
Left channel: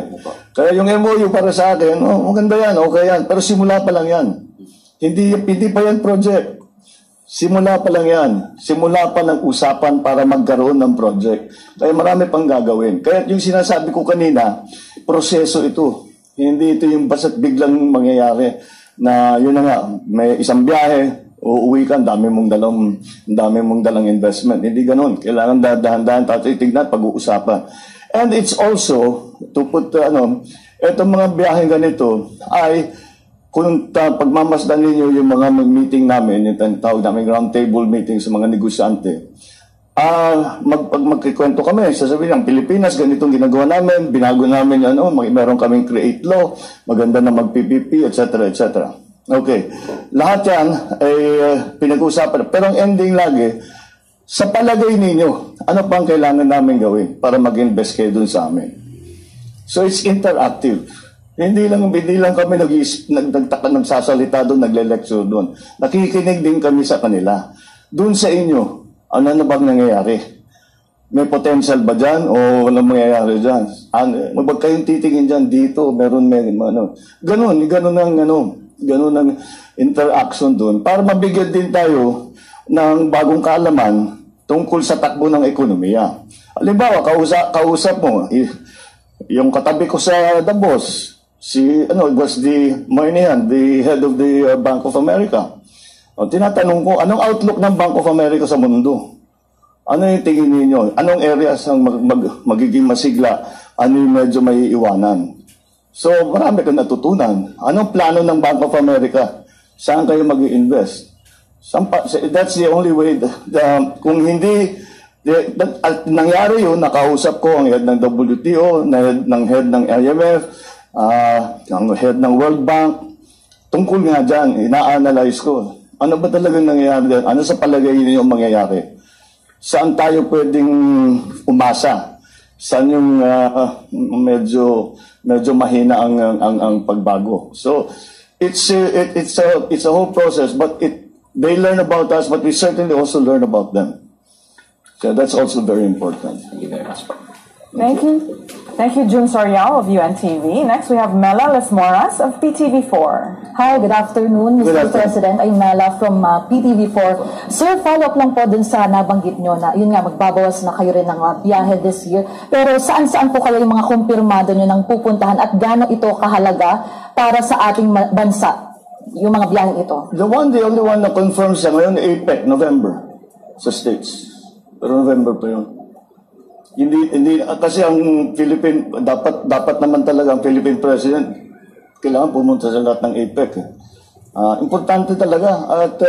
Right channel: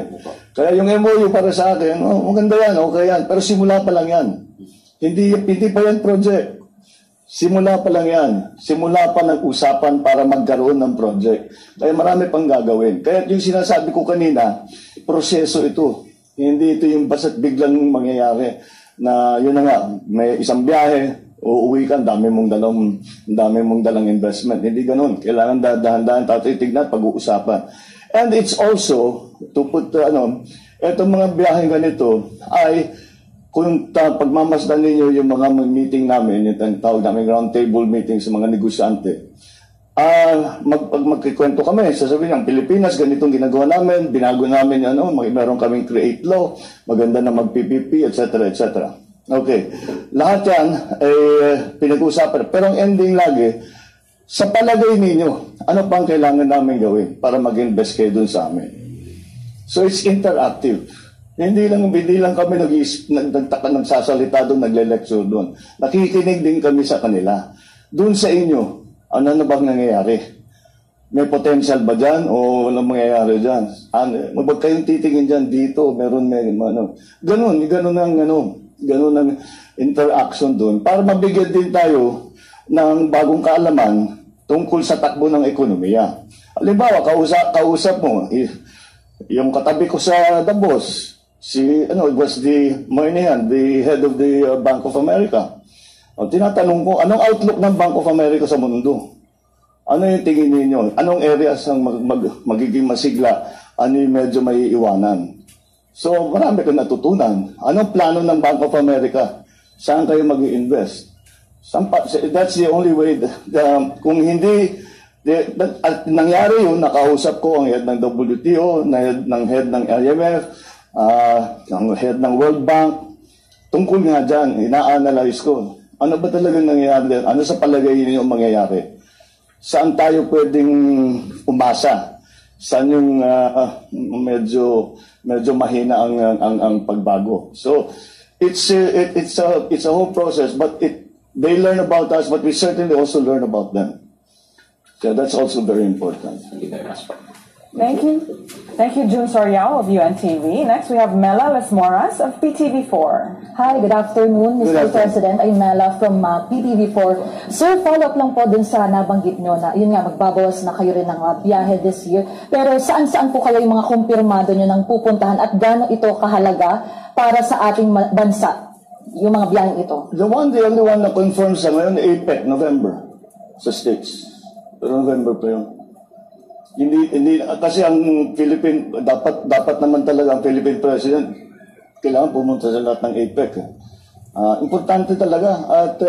Kaya yung MOU para sa akin, maganda yan, okay yan, pero simula pa lang yan. Hindi pa yan project. Simula pa lang yan. Simula pa ng usapan para magkaroon ng project. Kaya marami pang gagawin. Kaya yung sinasabi ko kanina, proseso ito. Hindi ito yung basta't biglang mangyayari na yun na nga, may isang biyahe, uuwi ka, dami mong dalang investment. Hindi ganun. Kailangan dahan-dahan titignan, pag-uusapan. And it's also, to put, etong mga biyaheng ganito ay kung pagmamasdan ninyo yung mga meeting namin, yung tawag namin round table meeting sa mga negosyante, magkikwento kami, sasabihin ng Pilipinas, ganitong ginagawa namin, binago namin, meron kaming create law, maganda na mag-PPP, etc., etc. Okay. Lahat yan ay pinag-usapan. Pero ang ending lagi, sa palagay ninyo, ano pang kailangan namin gawin para mag-invest kayo dun sa amin? So it's interactive. Hindi lang kami nagsasalita doon, nagle-lecture doon. Nakikinig din kami sa kanila. Doon sa inyo, ano na bang nangyayari? May potential ba dyan o walang mangyayari dyan? Huwag kayong titingin dyan, dito, meron, ano. Ganun ang interaction doon para mabigyan din tayo ng bagong kaalaman tungkol sa takbo ng ekonomiya. Halimbawa, kausap mo, yung katabi ko sa Davos, it was the head of the Bank of America. O, tinatanong ko, anong outlook ng Bank of America sa mundo? Ano yung tingin ninyo? Anong areas ang magiging masigla? Ano yung medyo may iwanan? So, marami kang natutunan. Anong plano ng Bank of America? Saan kayo mag-i-invest? That's the only way. Kung hindi, nangyari yun, nakausap ko ang head ng WTO, ng head ng IMF, ang head ng World Bank. Tungkol nga dyan, ina-analyze ko. Ano ba talagang nangyayari dyan? Ano sa palagay niyo ang mangyayari? Saan tayo pwedeng umasa? Saan yung medyo mahina ang pagbago? So it's a whole process, but they learn about us, but we certainly also learn about them. So that's also very important. Thank you very much. Thank you. Thank you, Jun Sorial of UNTV. Next, we have Mela Les Morris of PTV4. Hi, good afternoon, Mr. President. I'm Mela from PTV4. Sir, follow-up lang po dun sa nabanggit nyo na, yun nga, magbabawas na kayo rin ng biyahe this year. Pero saan-saan po kayo yung mga kumpirmado nyo ng pupuntahan at gaano ito kahalaga para sa ating bansa, yung mga biyaheng ito? The only one na confirms sa ngayon, APEC, November, sa States. Pero November pa yun. Hindi kasi ang dapat naman talaga ang Philippine President kailangan pumunta sa lahat ng APEC. Importante talaga at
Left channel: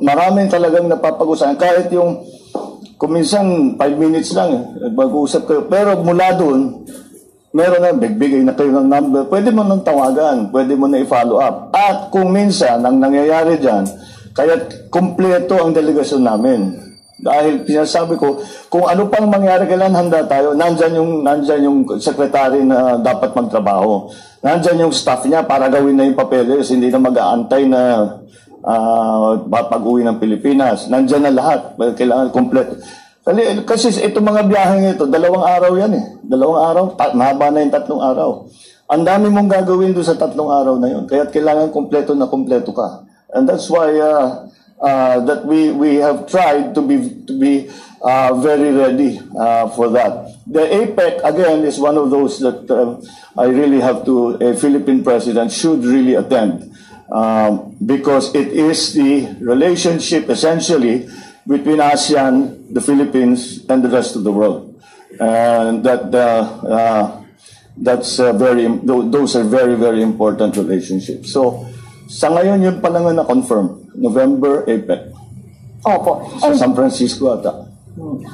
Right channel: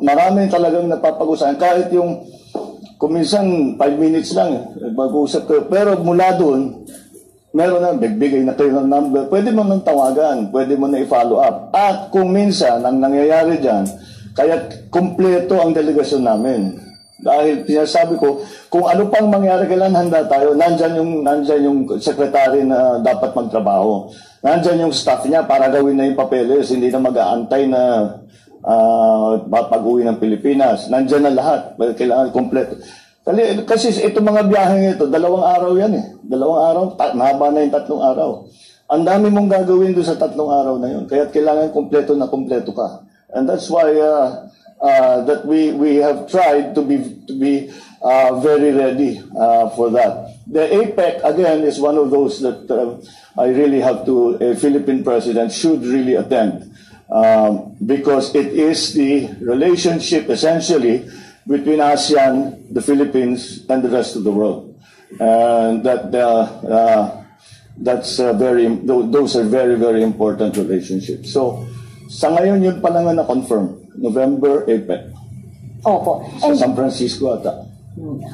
maraming talagang napapag-usapan kahit yung kuminsan 5 minutes lang mag-uusap kayo pero mula doon meron na bigay na kayo ng number, pwede mo nang tawagan, pwede mo na i-follow up at kung minsan ang nangyayari dyan kaya kumpleto ang delegasyon namin. Dahil pinasabi ko, kung ano pang mangyari, kailan handa tayo, nandyan yung sekretary na dapat magtrabaho. Nandyan yung staff niya para gawin na yung papeles, hindi na mag-aantay na pag-uwi ng Pilipinas. Nandyan na lahat, kailangan kompleto. Kasi itong mga biyaheng ito, 2 araw yan eh. 2 araw, mahaba na yung 3 araw. Ang dami mong gagawin doon sa 3 araw na yun. Kaya kailangan kompleto na kompleto ka. And that's why that we have tried to be very ready for that. The APEC again is one of those that I really have to. A Philippine president should really attend because it is the relationship essentially between ASEAN, the Philippines, and the rest of the world, and those are very very important relationships. So sa ngayon yun pa lang na confirm. November, APEC. Opo. Sa San Francisco ata.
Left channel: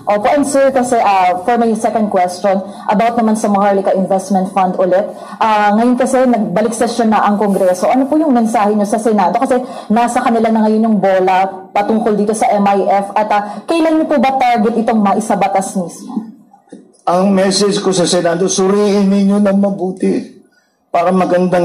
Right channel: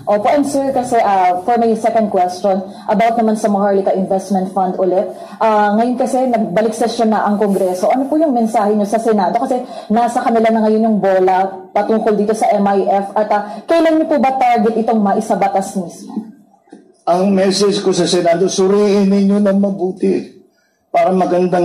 Opo, and sir, kasi for my second question, about naman sa Maharlika Investment Fund ulit. Ngayon kasi nagbalik session na ang Kongreso. Ano po yung mensahe nyo sa Senado? Kasi nasa kanila na ngayon yung bola patungkol dito sa MIF. At kailan nyo po ba target itong maisabatas mismo? Ang message ko sa Senado, suriin ninyo na mabuti para maganda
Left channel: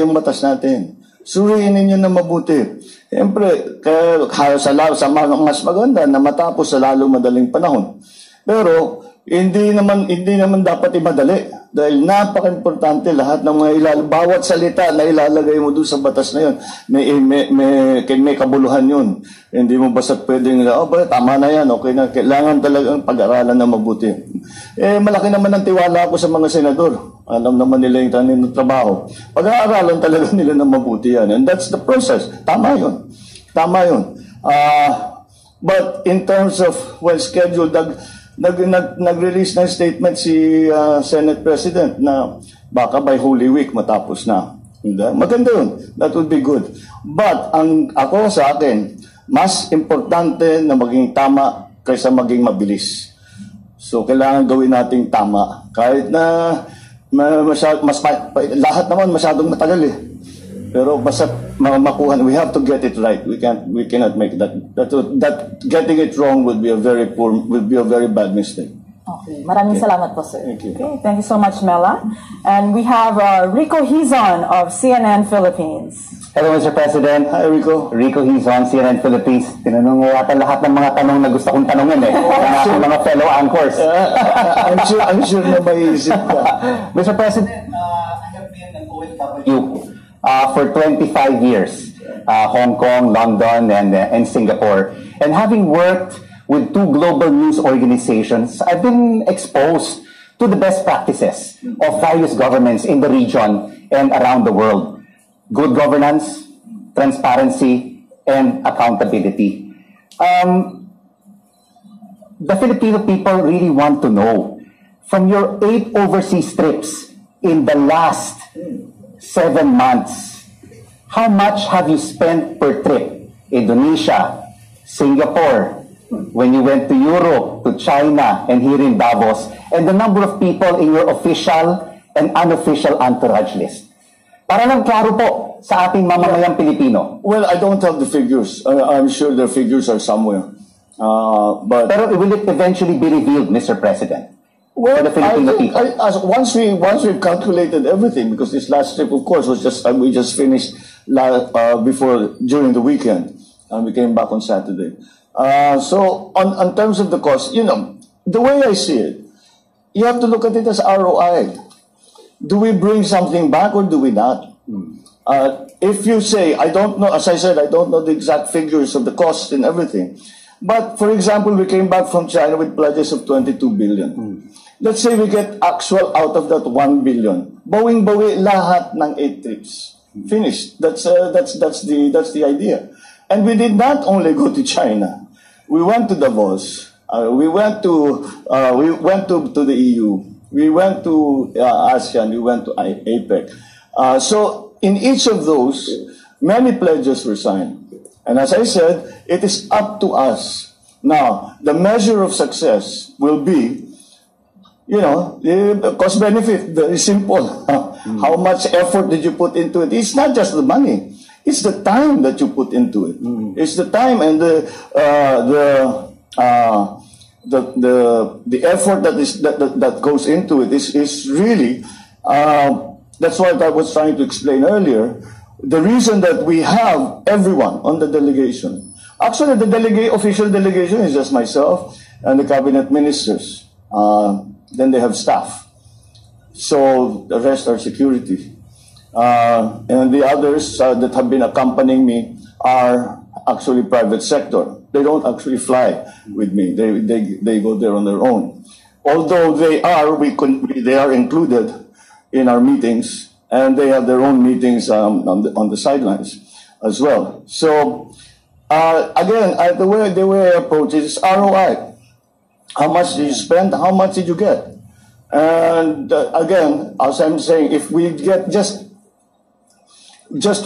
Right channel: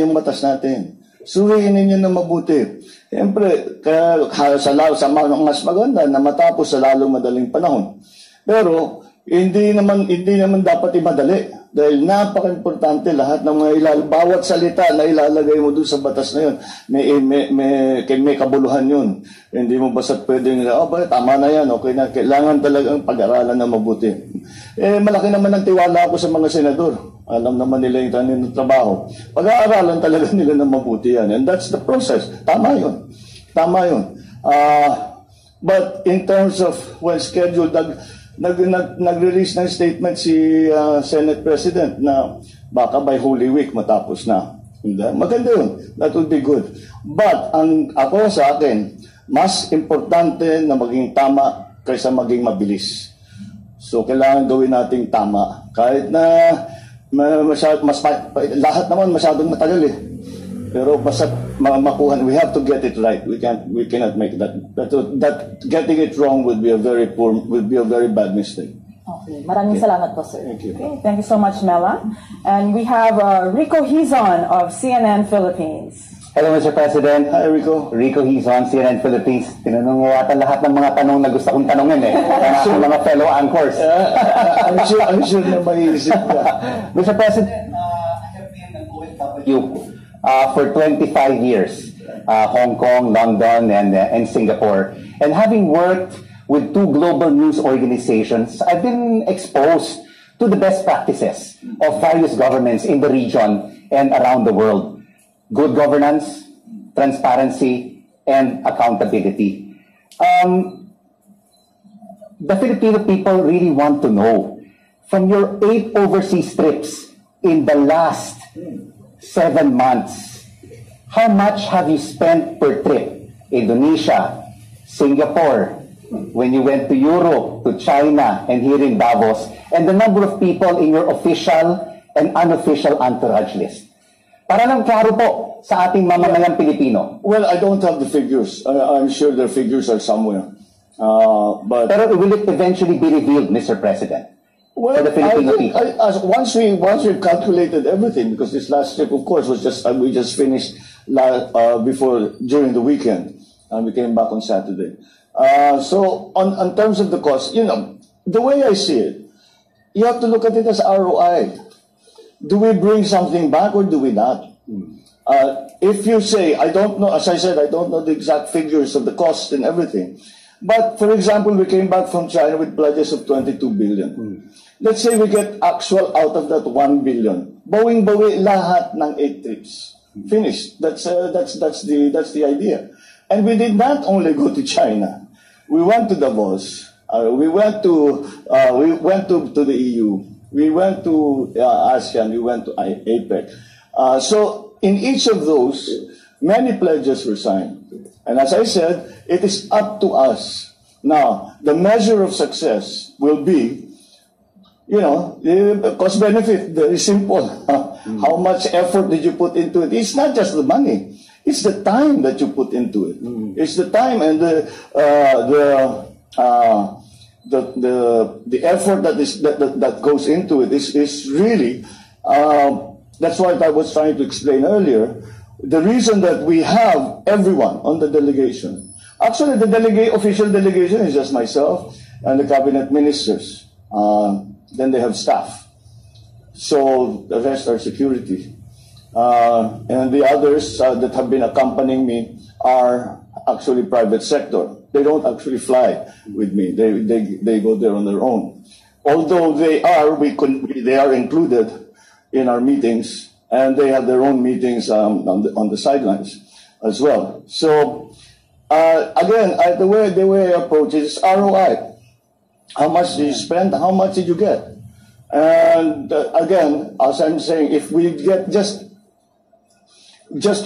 yung batas natin. Suriin ninyo na mabuti. Siyempre, sa mas maganda na matapos sa lalong madaling panahon. Pero, hindi naman dapat imadali. Dahil napaka-importante lahat ng mga bawat salita na ilalagay mo doon sa batas na yun. May kabuluhan yun. Hindi mo basta pwedeng, tama na yan, okay na. Kailangan talagang pag-aralan na mabuti. Malaki naman ang tiwala ko sa mga senador. Alam naman nila yung trabaho. Pag-aaralan talaga nila na mabuti yan. And that's the process. Tama yun. But in terms of when scheduled, nag-release ng statement si Senate President na baka by Holy Week matapos na. Maganda yun. That would be good. But ako sa akin, mas importante na maging tama kaysa maging mabilis. So kailangan gawin nating tama. Kahit na lahat naman masyadong matagal eh. Pero basta makuha, we have to get it right. We cannot make that getting it wrong would be a very bad mistake. Okay, maraming salamat po, sir. Thank you. Okay, thank you so much, Mela. And we have Rico Hizon of CNN Philippines. Hello, Mr. President. Hi, Rico. Rico Hizon, CNN Philippines. Tinanong mo yata lahat ng mga tanong na gusto kong tanongin ng mga fellow anchors. I'm sure na maiisip ka. Mr. President, I have been an OFW for 25 years. Hong Kong, London, and Singapore. And having worked with 2 global news organizations, I've been exposed to the best practices of various governments in the region and around the world. Good governance, transparency, and accountability. The Filipino people really want to know, from your 8 overseas trips in the last 7 months, how much have you spent per trip? Indonesia, Singapore, when you went to Europe, to China, and here in Davos, and the number of people in your official and unofficial entourage list. Para lang klaro po sa ating mamamayang Pilipino. Well, I don't have the figures. I'm sure the figures are somewhere. Pero will it eventually be revealed, Mr. President? Well, for the Filipino people? Once we've calculated everything, because this last trip, of course, was we just finished during the weekend, and we came back on Saturday. So on terms of the cost, the way I see it, you have to look at it as ROI. Do we bring something back or do we not? If you say, I don't know, as I said, I don't know the exact figures of the cost and everything. But for example, we came back from China with pledges of 22 billion. Let's say we get actual out of that 1 billion. Bawing-bawi lahat ng 8 trips. Finished. That's the idea. And we did not only go to China. We went to Davos. We went to the EU. We went to ASEAN. We went to APEC. So in each of those, many pledges were signed. And as I said, it is up to us. Now, the measure of success will be, the cost benefit, very simple. How much effort did you put into it? It's not just the money. It's the time that you put into it. It's the time and the effort that goes into it is really, that's what I was trying to explain earlier. The reason that we have everyone on the delegation, actually the official delegation is just myself and the cabinet ministers. Then they have staff. So the rest are security. And the others that have been accompanying me are actually private sector. They don't actually fly with me. They go there on their own. Although they are included in our meetings, and they have their own meetings on the sidelines as well. So again, the way I approach it is ROI. How much did you spend? How much did you get? And again, as I'm saying, if we get just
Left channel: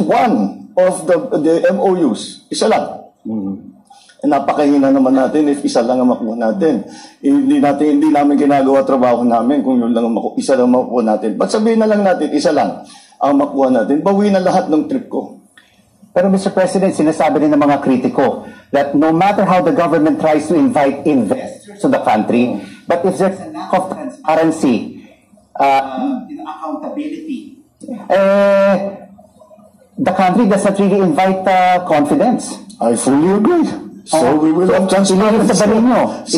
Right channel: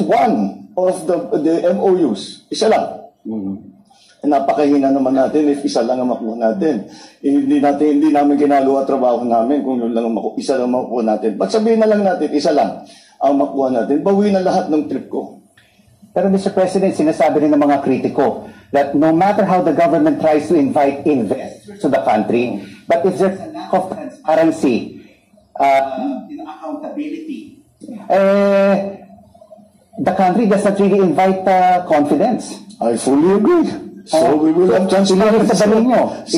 one of the MOUs, isa lang. Napakahina naman natin if isa lang ang makuha natin. Hindi namin ginagawa trabaho namin kung yun lang isa lang makuha natin. But sabihin na lang natin, isa lang ang makuha natin. Bawi na lahat ng trip ko. Pero Mr. President, sinasabi rin ng mga kritiko that no matter how the government tries to invite investors to the country, but if there's a lack of transparency, accountability, the country does not really invite confidence. I fully agree. So we will have transparency.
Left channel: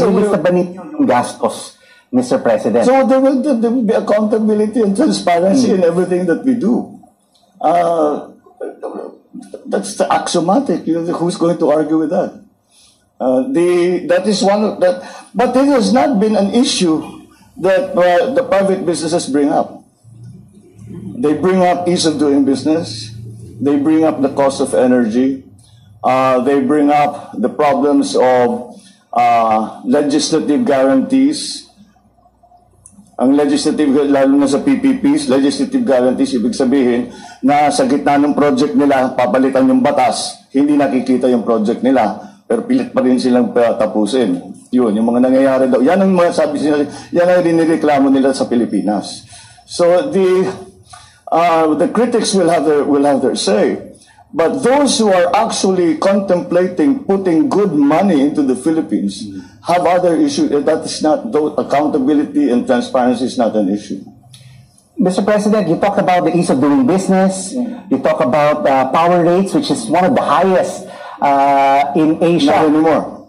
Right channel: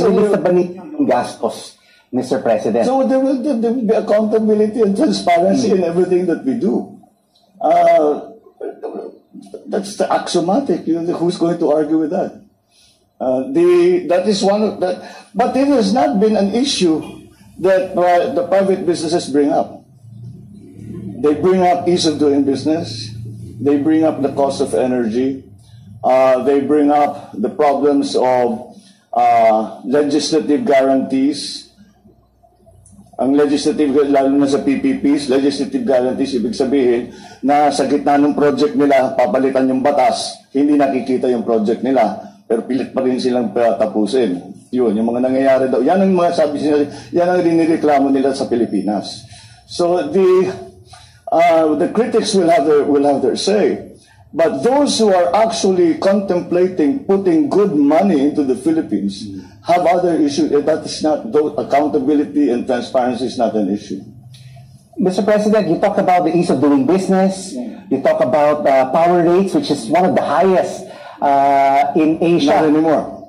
Ililista ba ninyo yung gastos, Mr. President? So there will be accountability and transparency in everything that we do. That's the axiomatic. Who's going to argue with that? That is one of that. But it has not been an issue that the private businesses bring up. They bring up ease of doing business. They bring up the cost of energy. They bring up the problems of legislative guarantees. Ang legislative, lalo na sa PPPs, legislative guarantees, ibig sabihin na sa gitna ng project nila, papalitan yung batas, hindi nakikita yung project nila, pero pilit pa rin silang tapusin. Yun, yung mga nangyayari daw. Yan ang mga sabi nila, yan ang dinireklamo nila sa Pilipinas. So the critics will have their say. But those who are actually contemplating putting good money into the Philippines have other issues. That is not, accountability and transparency is not an issue. Mr. President, you talk about the ease of doing business. You talk about power rates, which is one of the highest in Asia. Not anymore.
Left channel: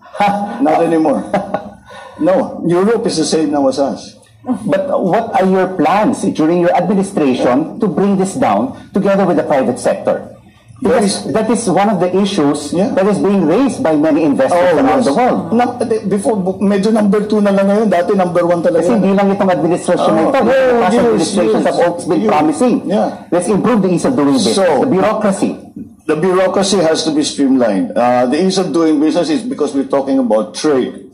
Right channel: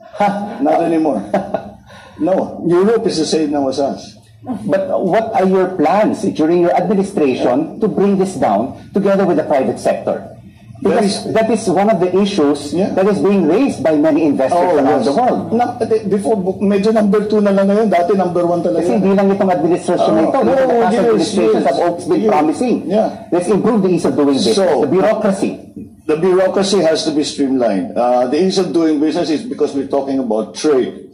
Not anymore. No, Europe is the same now as us. But what are your plans during your administration to bring this down together with the private sector? Because that is one of the issues that is being raised by many investors around the world. Before, medyo number 2 na lang ngayon. Dati number 1 talaga. Kasi hindi lang itong administration na ito. The past administrations have always been promising. Let's improve the ease of doing business. So, the bureaucracy. The bureaucracy has to be streamlined. The ease of doing business is because we're talking about trade.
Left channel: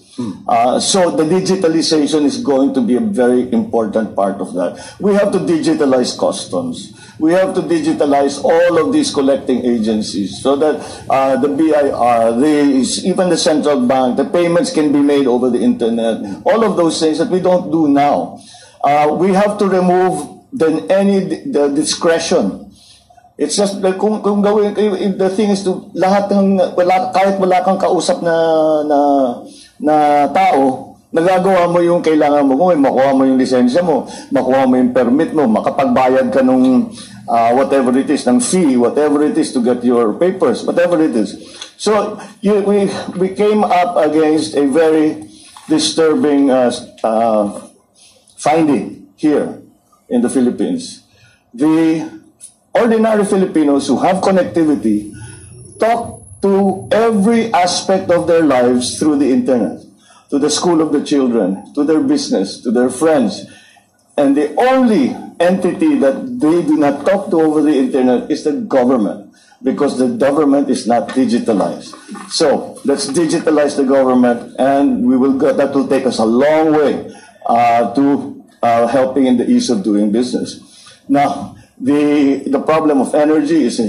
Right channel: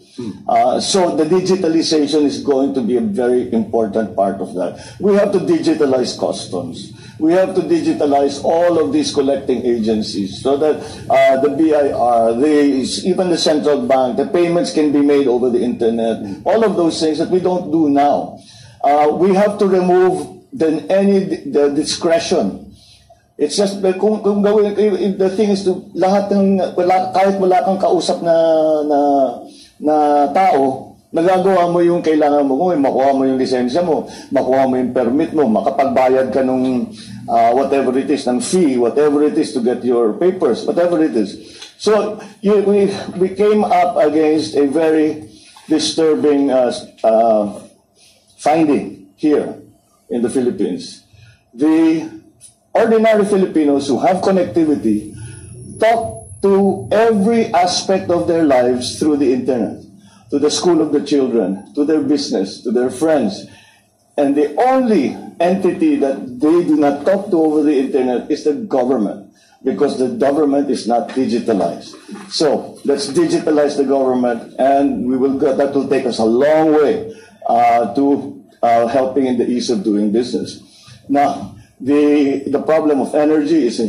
So the digitalization is going to be a very important part of that. We have to digitalize customs. We have to digitalize all of these collecting agencies so that the BIR, even the central bank, the payments can be made over the internet. All of those things that we don't do now. We have to remove the discretion. It's just kung gawin, the thing is to lahat ng kahit wala kang kausap na tao, nagagawa mo yung kailangan mo, makuha mo yung lisensya mo, makuha mo yung permit mo, makapagbayad ka nung whatever it is, ng fee, whatever it is to get your papers, whatever it is. So we came up against a very disturbing finding here in the Philippines. The ordinary Filipinos who have connectivity talk to every aspect of their lives through the internet, to the school of the children, to their business, to their friends. And the only entity that they do not talk to over the internet is the government, because the government is not digitalized. So let's digitalize the government, and that will take us a long way to helping in the ease of doing business. Now, the problem of energy is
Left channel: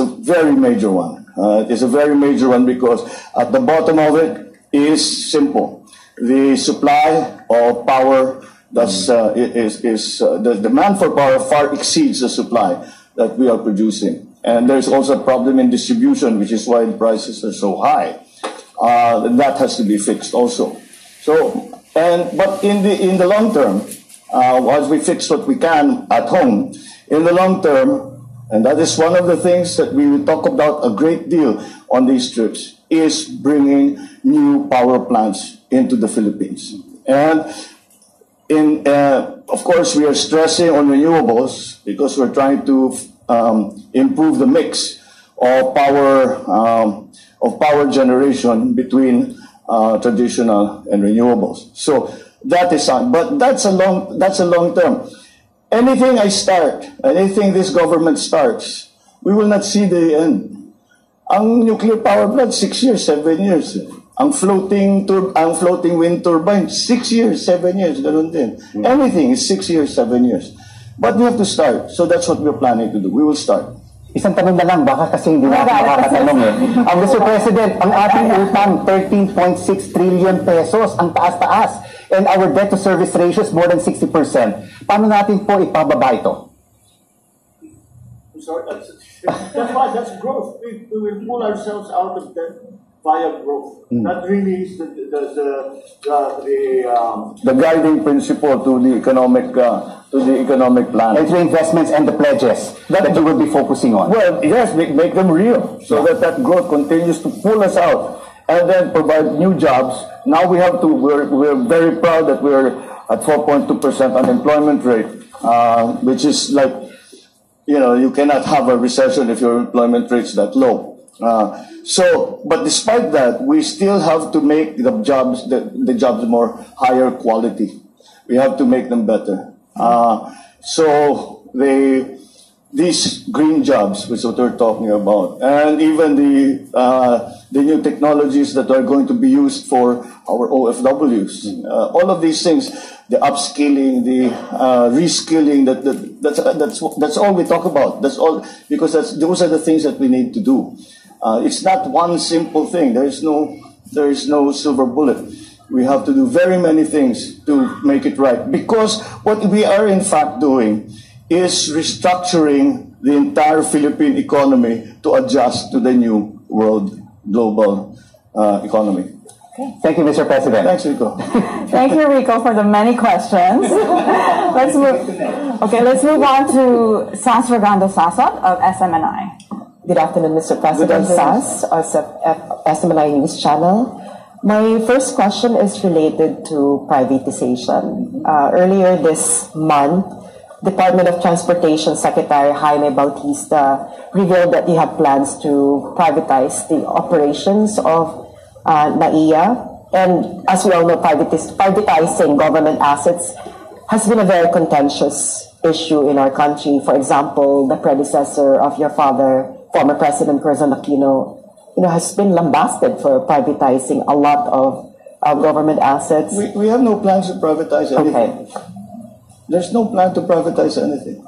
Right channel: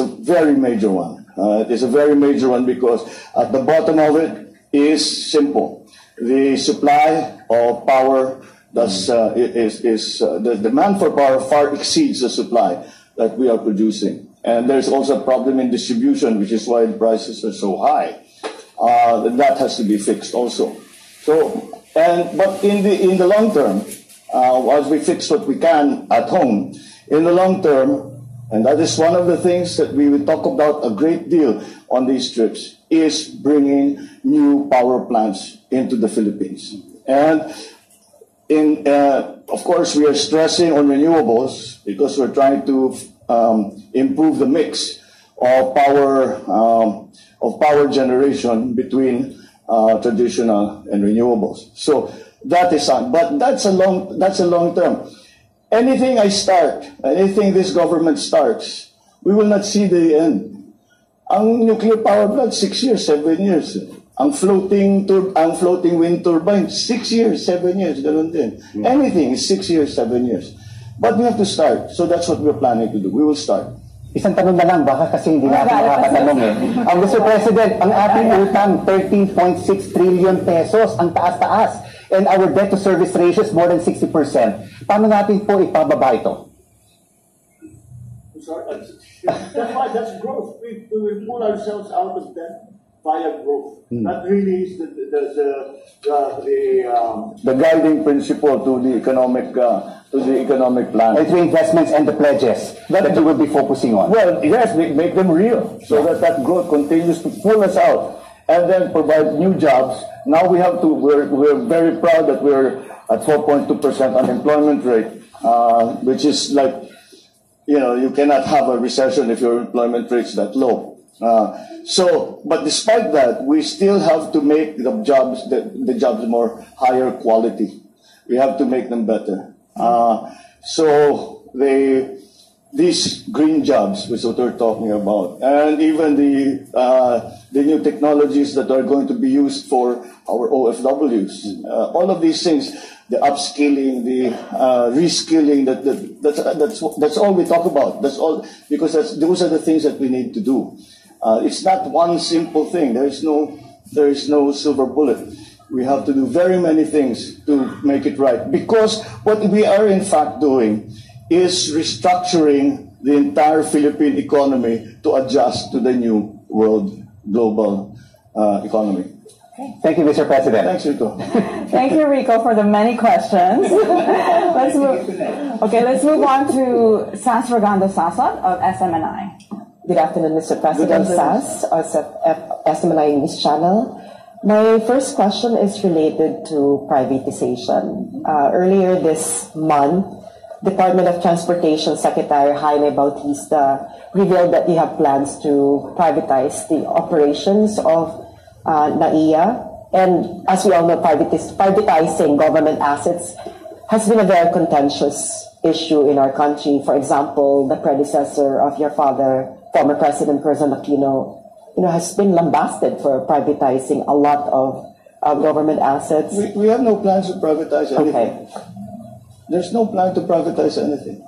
a very major one. It's a very major one because at the bottom of it is simple. The supply of power, the demand for power far exceeds the supply that we are producing. And there's also a problem in distribution, which is why the prices are so high. That has to be fixed also. But in the long term, as we fix what we can at home, in the long term, and that is one of the things that we will talk about a great deal on these trips, is bringing new power plants into the Philippines. And of course, we are stressing on renewables because we're trying to improve the mix of power generation between traditional and renewables. So that is but that's a long term. Anything anything this government starts, we will not see the end. Ang nuclear power plant, 6 years, 7 years. Ang floating wind turbine, 6 years, 7 years, ganun din. Anything is 6 years, 7 years. But we have to start. So that's what we're planning to do. We will start. Isang tanong na lang, baka kasi hindi natin makakatanong eh. Mr. President, ang ating utang, 13.6 trillion pesos, ang taas-taas. And our debt-to-service ratio is more than 60%. Paano natin po ipababa ito? That's growth. We will pull ourselves out of debt via growth. That really is the guiding principle to the economic plan. And through investments and the pledges that you will be focusing on. Well, yes, make them real so that growth continues to pull us out and then provide new jobs. Now we're very proud that we're at 4.2% unemployment rate, which is like, you cannot have a recession if your employment rate's that low. But despite that, we still have to make the jobs more higher quality. We have to make them better. These green jobs, which is what we're talking about, and even the new technologies that are going to be used for our OFWs, all of these things, the upskilling, the reskilling, that's all we talk about. That's all, because those are the things that we need to do. It's not one simple thing. There is no silver bullet. We have to do very many things to make it right. Because what we are in fact doing is restructuring the entire Philippine economy to adjust to the new world global economy. Okay. Thank you, Mr. President. Thanks, Rico. Thank you, Rico, for the many questions. Let's move on to Sas Ragando Sasa of SMNI. Good afternoon, Mr. President. Sas, SMNI News Channel. My first question is related to privatization. Earlier this month, Department of Transportation Secretary Jaime Bautista revealed that they have plans to privatize the operations of NAIA. And as we all know, privatizing government assets has been a very contentious issue in our country. For example, the predecessor of your father, former President Corazon Aquino, has been lambasted for privatizing a lot of government assets. We have no plans to privatize anything. Okay. There's no plan to privatize anything.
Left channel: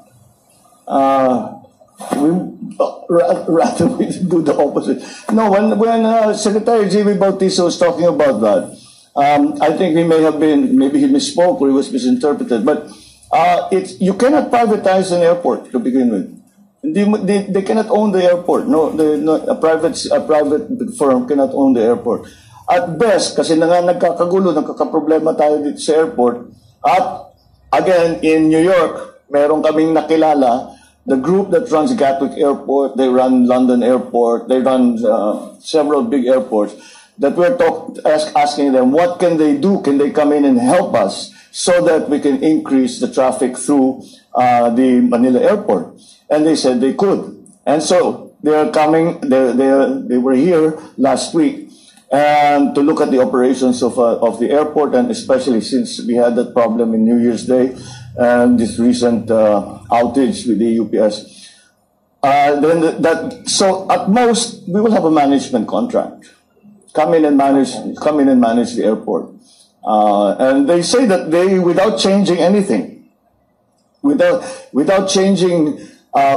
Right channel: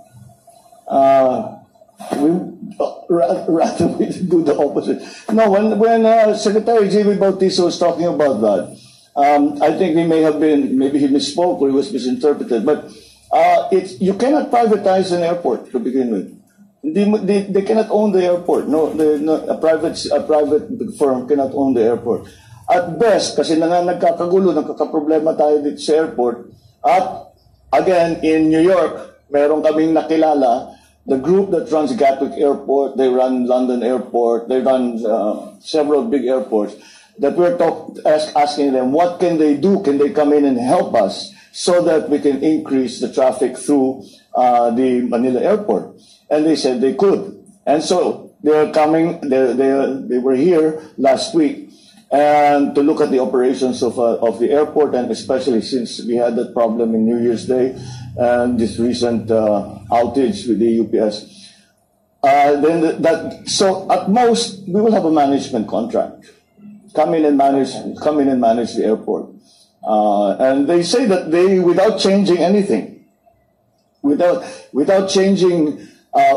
Rather we do the opposite. No, when Secretary Jimmy Bautista was talking about that, I think maybe he misspoke or he was misinterpreted. But you cannot privatize an airport to begin with. They cannot own the airport. No, a private firm cannot own the airport. At best, kasi nagkakagulo, nagkakaproblema tayo dito sa airport. At again, in New York, meron kaming nakilala, the group that runs Gatwick Airport, they run London Airport, they run several big airports, that we're asking them, what can they do? Can they come in and help us so that we can increase the traffic through the Manila Airport? And they said they could. And so they're coming, they were here last week and to look at the operations of the airport, and especially since we had that problem in New Year's Day and this recent outage with the UPS. So at most we will have a management contract. Come in and manage the airport. And they say that without changing anything, without changing,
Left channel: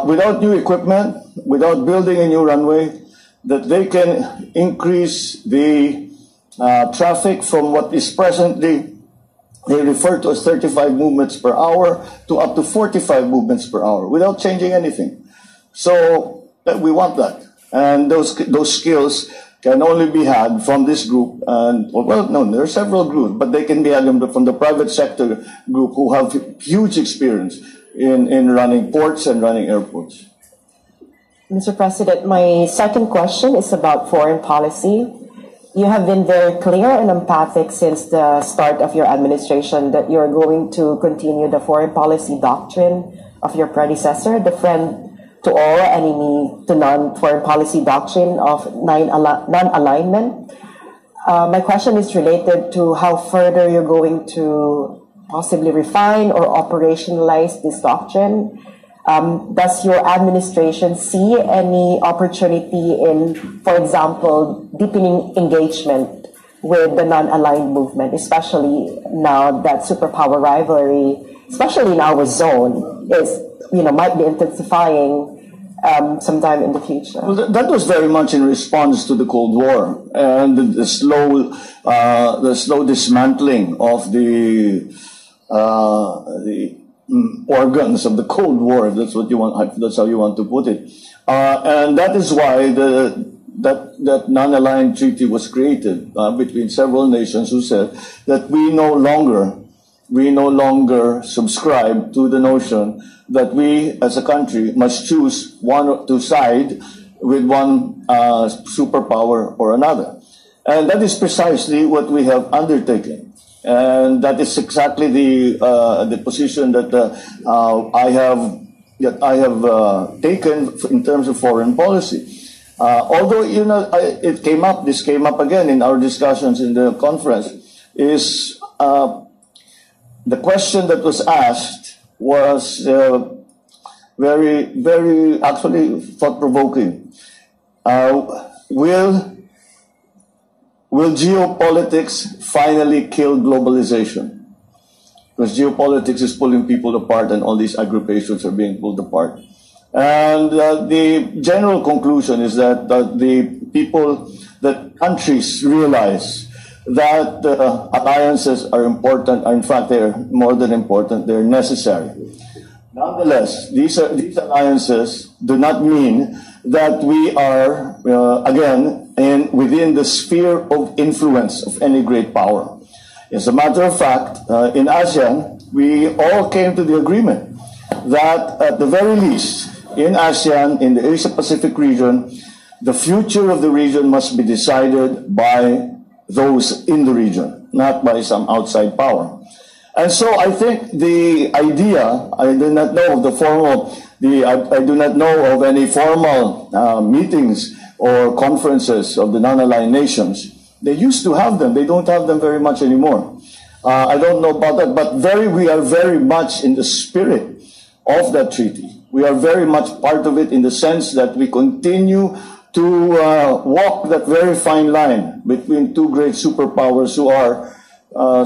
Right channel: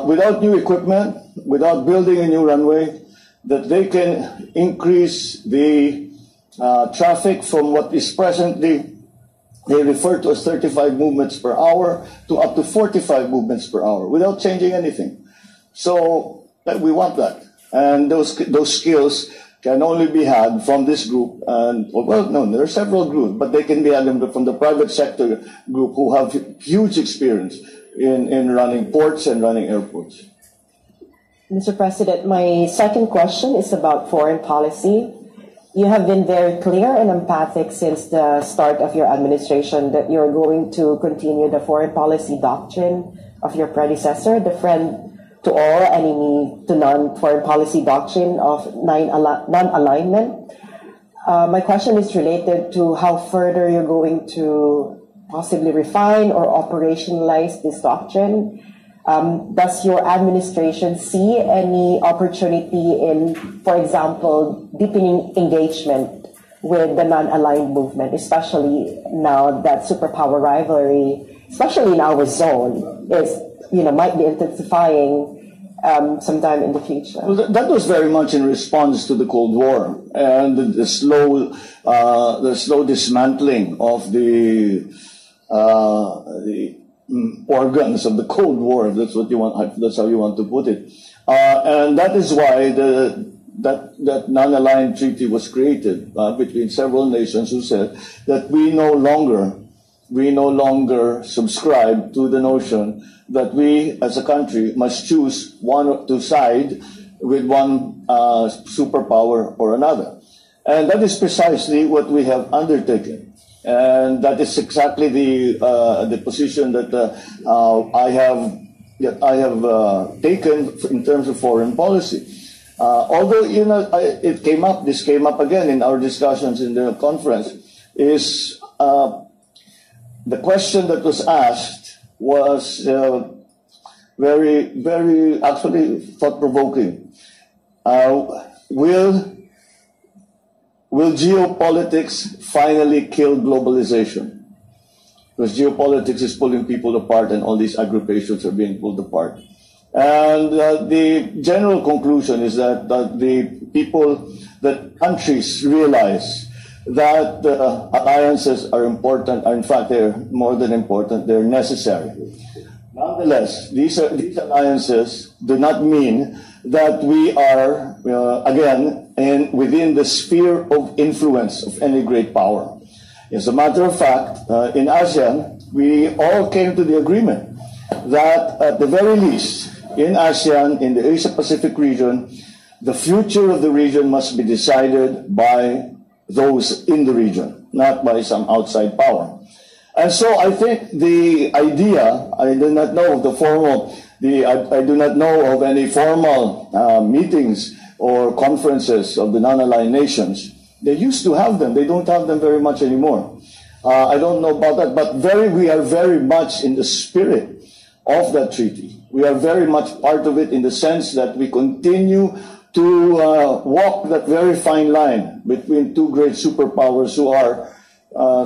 without new equipment, without building a new runway, that they can increase the traffic from what is presently, they refer to as 35 movements per hour, to up to 45 movements per hour, without changing anything. So we want that. And those skills can only be had from this group. And well, no, there are several groups, but they can be had from the private sector group who have huge experience in running ports and running airports. Mr. President, my second question is about foreign policy. You have been very clear and emphatic since the start of your administration that you're going to continue the foreign policy doctrine of your predecessor, the friend to all, enemy to none foreign policy doctrine of non-alignment. My question is related to how further you're going to possibly refine or operationalize this doctrine. Does your administration see any opportunity in, for example, deepening engagement with the non-aligned movement, especially now that superpower rivalry, especially in our zone, might be intensifying sometime in the future? Well, that was very much in response to the Cold War and the slow dismantling of the organs of the Cold War. That's what you want. That's how you want to put it. And that is why that non-aligned treaty was created between several nations who said that we no longer subscribe to the notion that we as a country must choose to side with one superpower or another. And that is precisely what we have undertaken. And that is exactly the position that I have taken in terms of foreign policy. Although this came up again in our discussions in the conference, is the question that was asked was very, very actually thought-provoking. Will geopolitics finally kill globalization? Because geopolitics is pulling people apart and all these aggruppations are being pulled apart. And the general conclusion is that countries realize that alliances are important, in fact they're more than important, they're necessary. Nonetheless, these alliances do not mean that we are, again, within the sphere of influence of any great power. As a matter of fact, in ASEAN, we all came to the agreement that at the very least, in ASEAN, in the Asia-Pacific region, the future of the region must be decided by those in the region, not by some outside power. And so I think the idea, I do not know of the formal, I do not know of any formal meetings or conferences of the non-aligned nations. They used to have them. They don't have them very much anymore. I don't know about that, but we are very much in the spirit of that treaty. We are very much part of it in the sense that we continue to walk that very fine line between two great superpowers who are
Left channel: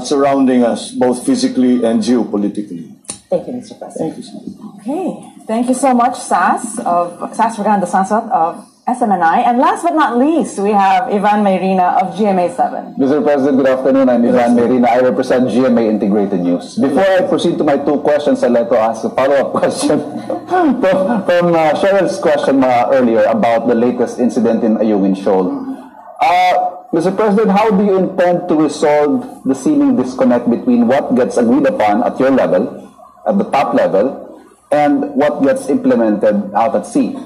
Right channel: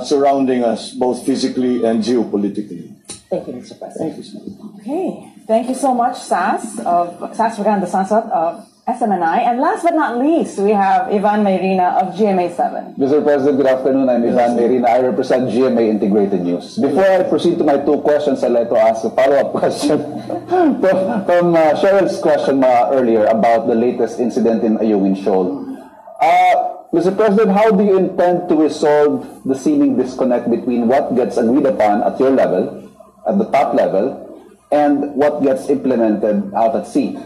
surrounding us both physically and geopolitically. Thank you, Mr. President. Thank you, sir. Okay, thank you so much, SAS Verganda Sansot of SMNI. And last but not least, we have Ivan Mayrina of GMA7. Mr. President, good afternoon. I'm Ivan Mayrina. I represent GMA Integrated News. Before I proceed to my two questions, I'd like to ask a follow-up question from Cheryl's question earlier about the latest incident in Ayungin Shoal. Mr. President, how do you intend to resolve the seeming disconnect between what gets agreed upon at your level, at the top level, and what gets implemented out at sea?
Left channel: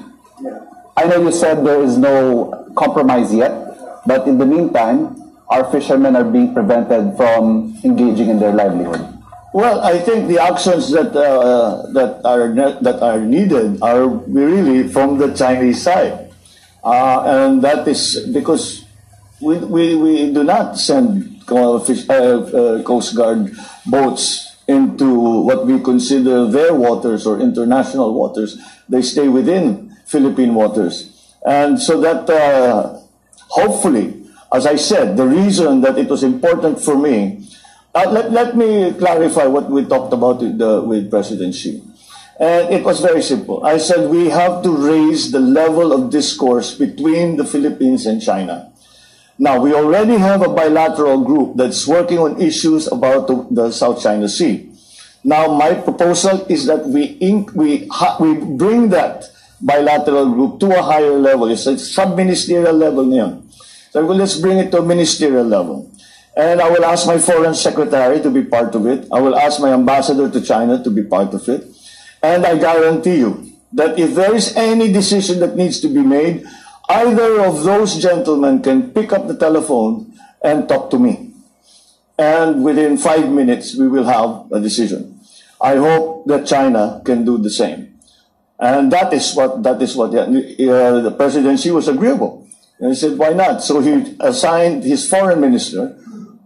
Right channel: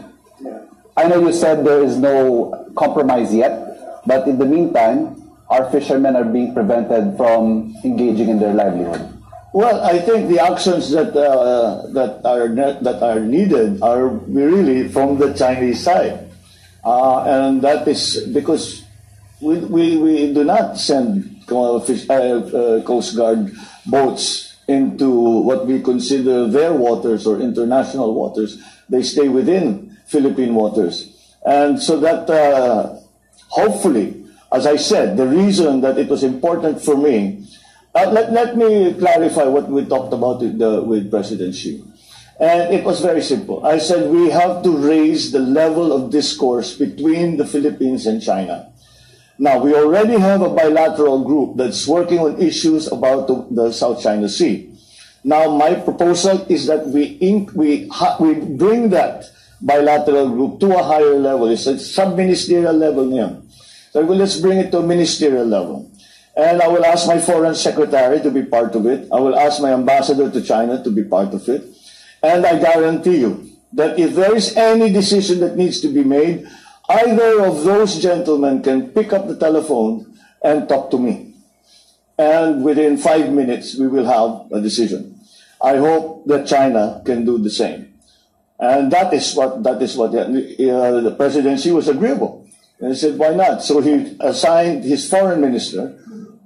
I know you said there is no compromise yet, but in the meantime, our fishermen are being prevented from engaging in their livelihood. Well, I think the actions that are needed are really from the Chinese side, and that is because we do not send Coast Guard boats into what we consider their waters or international waters. They stay within Philippine waters. And so that hopefully, as I said, the reason that it was important for me, let me clarify what we talked about with President Xi. And it was very simple. I said we have to raise the level of discourse between the Philippines and China. Now, we already have a bilateral group that's working on issues about the South China Sea. Now, my proposal is that we bring that bilateral group to a higher level. It's a sub-ministerial level niyan. So let's bring it to a ministerial level. And I will ask my foreign secretary to be part of it. I will ask my ambassador to China to be part of it. And I guarantee you that if there is any decision that needs to be made, either of those gentlemen can pick up the telephone and talk to me. And within 5 minutes, we will have a decision. I hope that China can do the same. And that is what the President Xi was agreeable. And he said, why not? So he assigned his foreign minister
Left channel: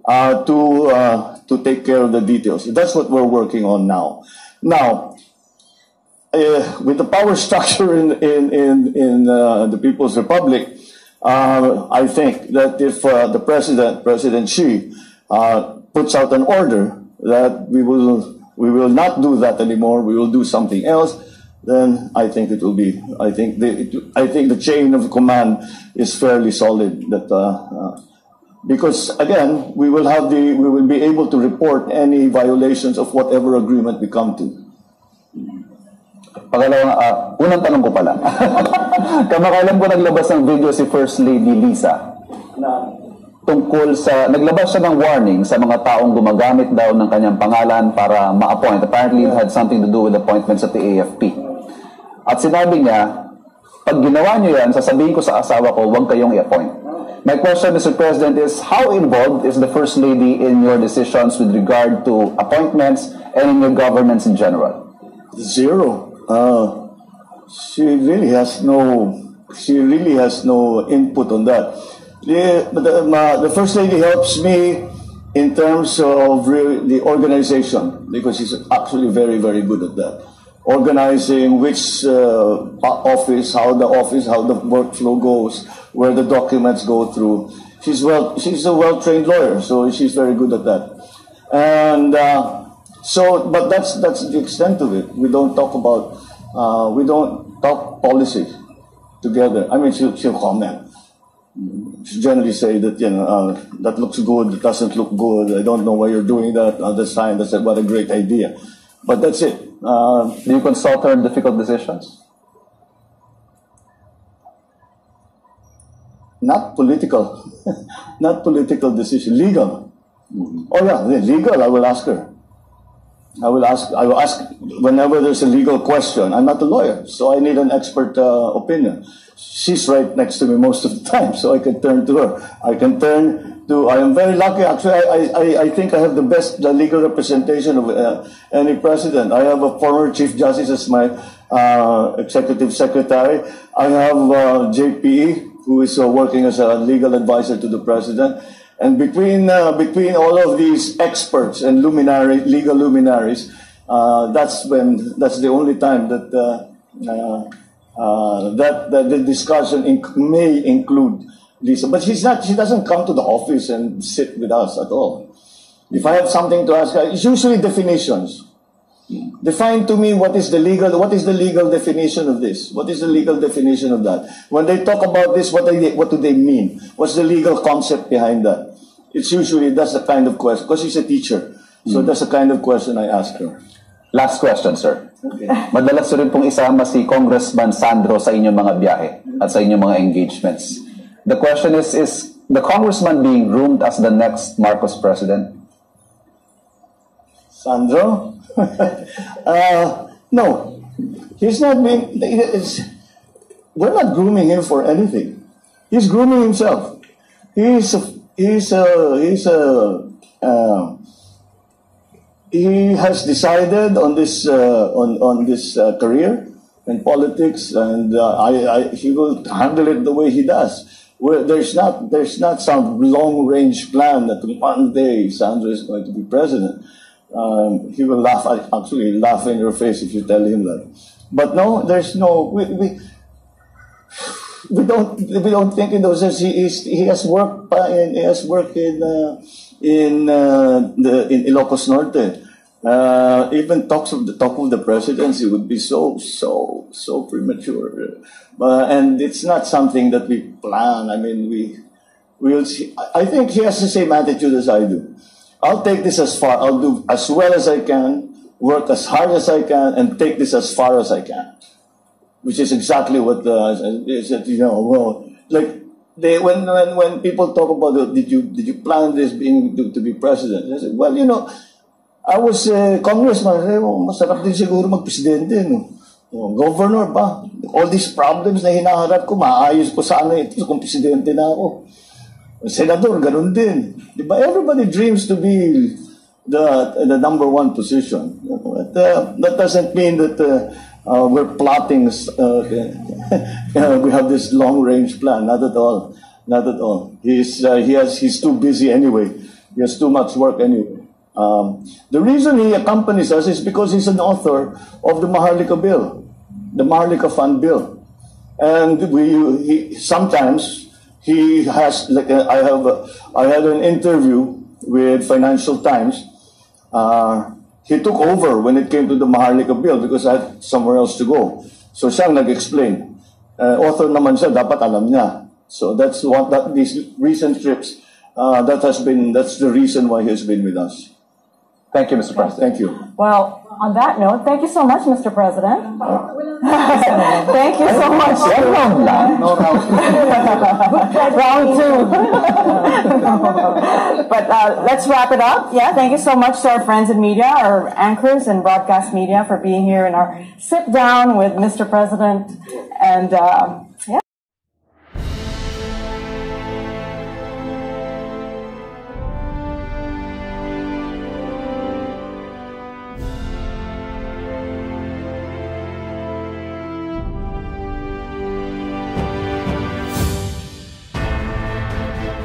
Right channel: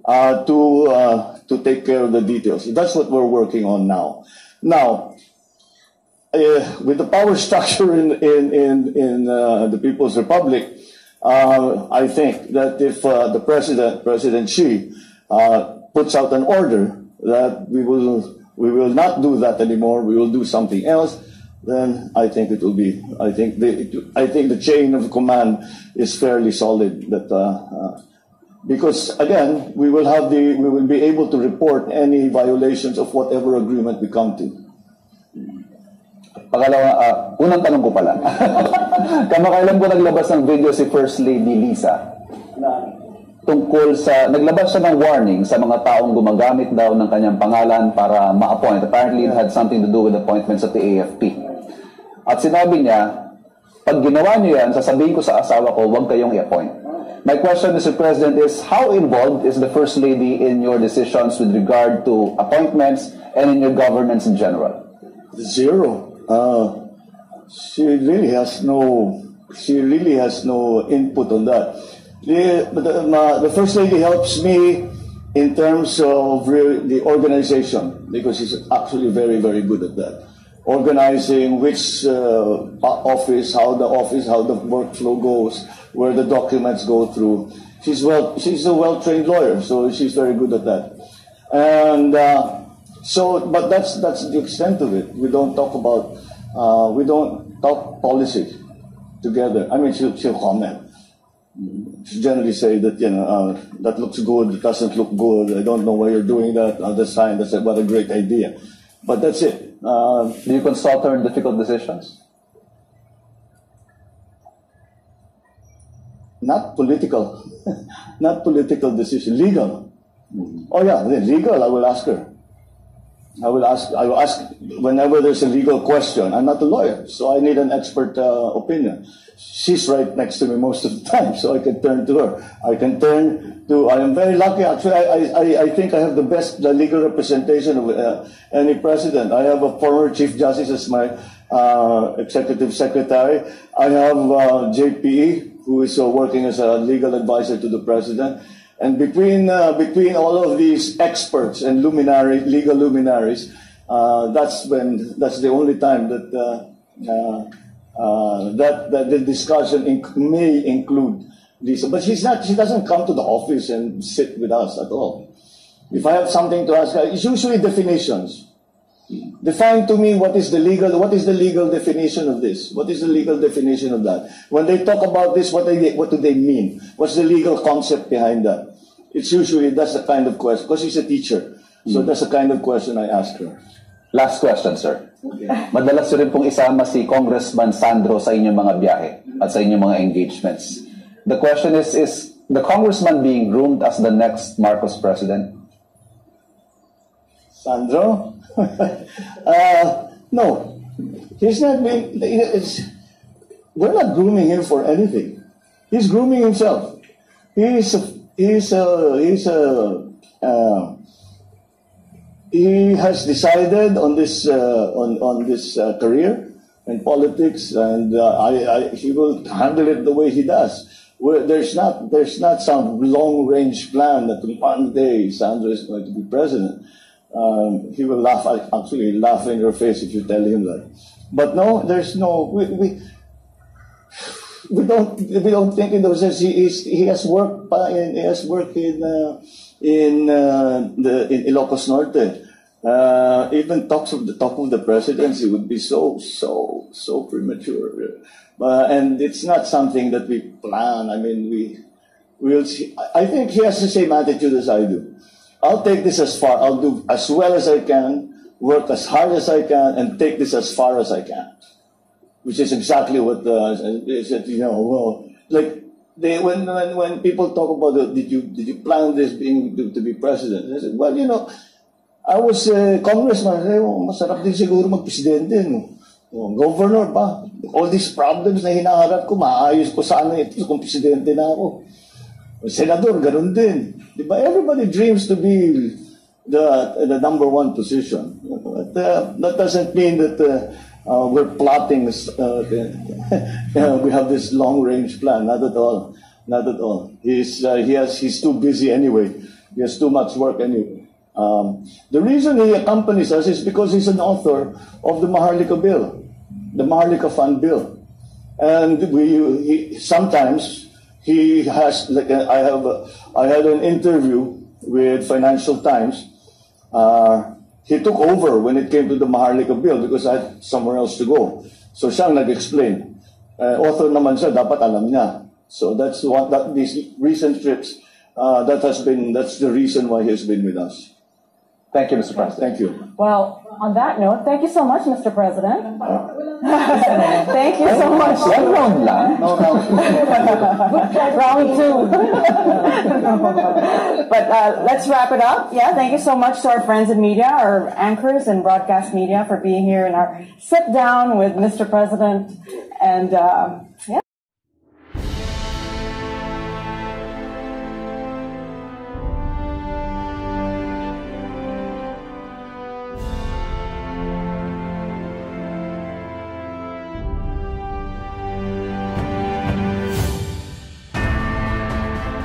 to take care of the details. That's what we're working on now. Now, with the power structure in the People's Republic, I think that if the President Xi, puts out an order that we will not do that anymore, we will do something else, then I think it will be. I think the chain of command is fairly solid. That because again, we will be able to report any violations of whatever agreement we come to. Unang tanong ko pala. Kamakailan po naglabas ng video si First Lady Lisa tungkol sa, naglabas siya ng warning sa mga taong gumagamit daw ng kanyang pangalan para ma-appoint. Apparently it had something to do with appointments at the AFP. At sinabi niya, pag ginawa niyo yan, sasabihin ko sa asawa ko, huwag kayong i-appoint. My question, Mr. President, is how involved is the First Lady in your decisions with regard to appointments and in your governments in general? Zero. She really has no input on that. The First Lady helps me in terms of the organization, because she's actually very, very good at that. Organizing which office, how the workflow goes, where the documents go through. She's a well-trained lawyer, so she's very good at that. And but that's the extent of it. We don't talk policy together. I mean, she'll comment. She generally say that, that looks good, it doesn't look good, I don't know why you're doing that, that's fine, what a great idea. But that's it. Do you consult her in difficult decisions? Not political. Not political decision, legal. Oh yeah, legal, I will ask her. I will ask whenever there's a legal question. I'm not a lawyer, so I need an expert opinion. She's right next to me most of the time, so I can turn to her. I am very lucky, actually. I think I have the best legal representation of any president. I have a former Chief Justice as my executive secretary. I have JPE, who is working as a legal advisor to the president. And between all of these experts and legal luminaries, that's the only time that the discussion may include Lisa. But she doesn't come to the office and sit with us at all. If I have something to ask her, it's usually definitions. Define to me what is the legal definition of this? What is the legal definition of that? When they talk about this, what do they mean? What's the legal concept behind that? It's usually, that's the kind of question, because she's a teacher. So that's the kind of question I ask her. Last question, sir. Okay. Madalas rin pong isama si Congressman Sandro sa inyong mga biyahe at sa inyong mga engagements. The question is the congressman being groomed as the next Marcos president? Sandro? No. He's not being... We're not grooming him for anything. He's grooming himself. He has decided on this career in politics, and he will handle it the way he does. There's not some long-range plan that one day Sandro is going to be president. He will laugh in your face if you tell him that. But no, there's no. We don't think in those terms. He has worked in Ilocos Norte. Even talk of the presidency would be so premature, and it's not something that we plan. I mean, we'll see. I think he has the same attitude as I do. I'll take this as far. I'll do as well as I can, work as hard as I can, and take this as far as I can. Which is exactly what when people talk about did you plan this to be president? I said, well, I was a congressman. Masarap din siguro mag-presidente, no? Governor ba? All these problems na hinaharap ko, maayos ko sana ito kung presidente na ako. Senador, ganun din. Diba? Everybody dreams to be the number one position. But that doesn't mean that we're plotting. We have this long-range plan. Not at all. Not at all. He's too busy anyway. He has too much work anyway. The reason he accompanies us is because he's an author of the Maharlika bill, the Maharlika Fund bill, and sometimes he has. Like I had an interview with Financial Times. He took over when it came to the Maharlika bill because I had somewhere else to go. So siyang nag-explain. Author naman siya, dapat alam niya. So that's these recent trips. That's the reason why he's been with us. Thank you, Mr. President. Thank you. Well, on that note, thank you so much, Mr. President. Thank you so much. Round two. But let's wrap it up. Yeah, thank you so much to our friends in media, our anchors and broadcast media for being here in our sit down with Mr. President. And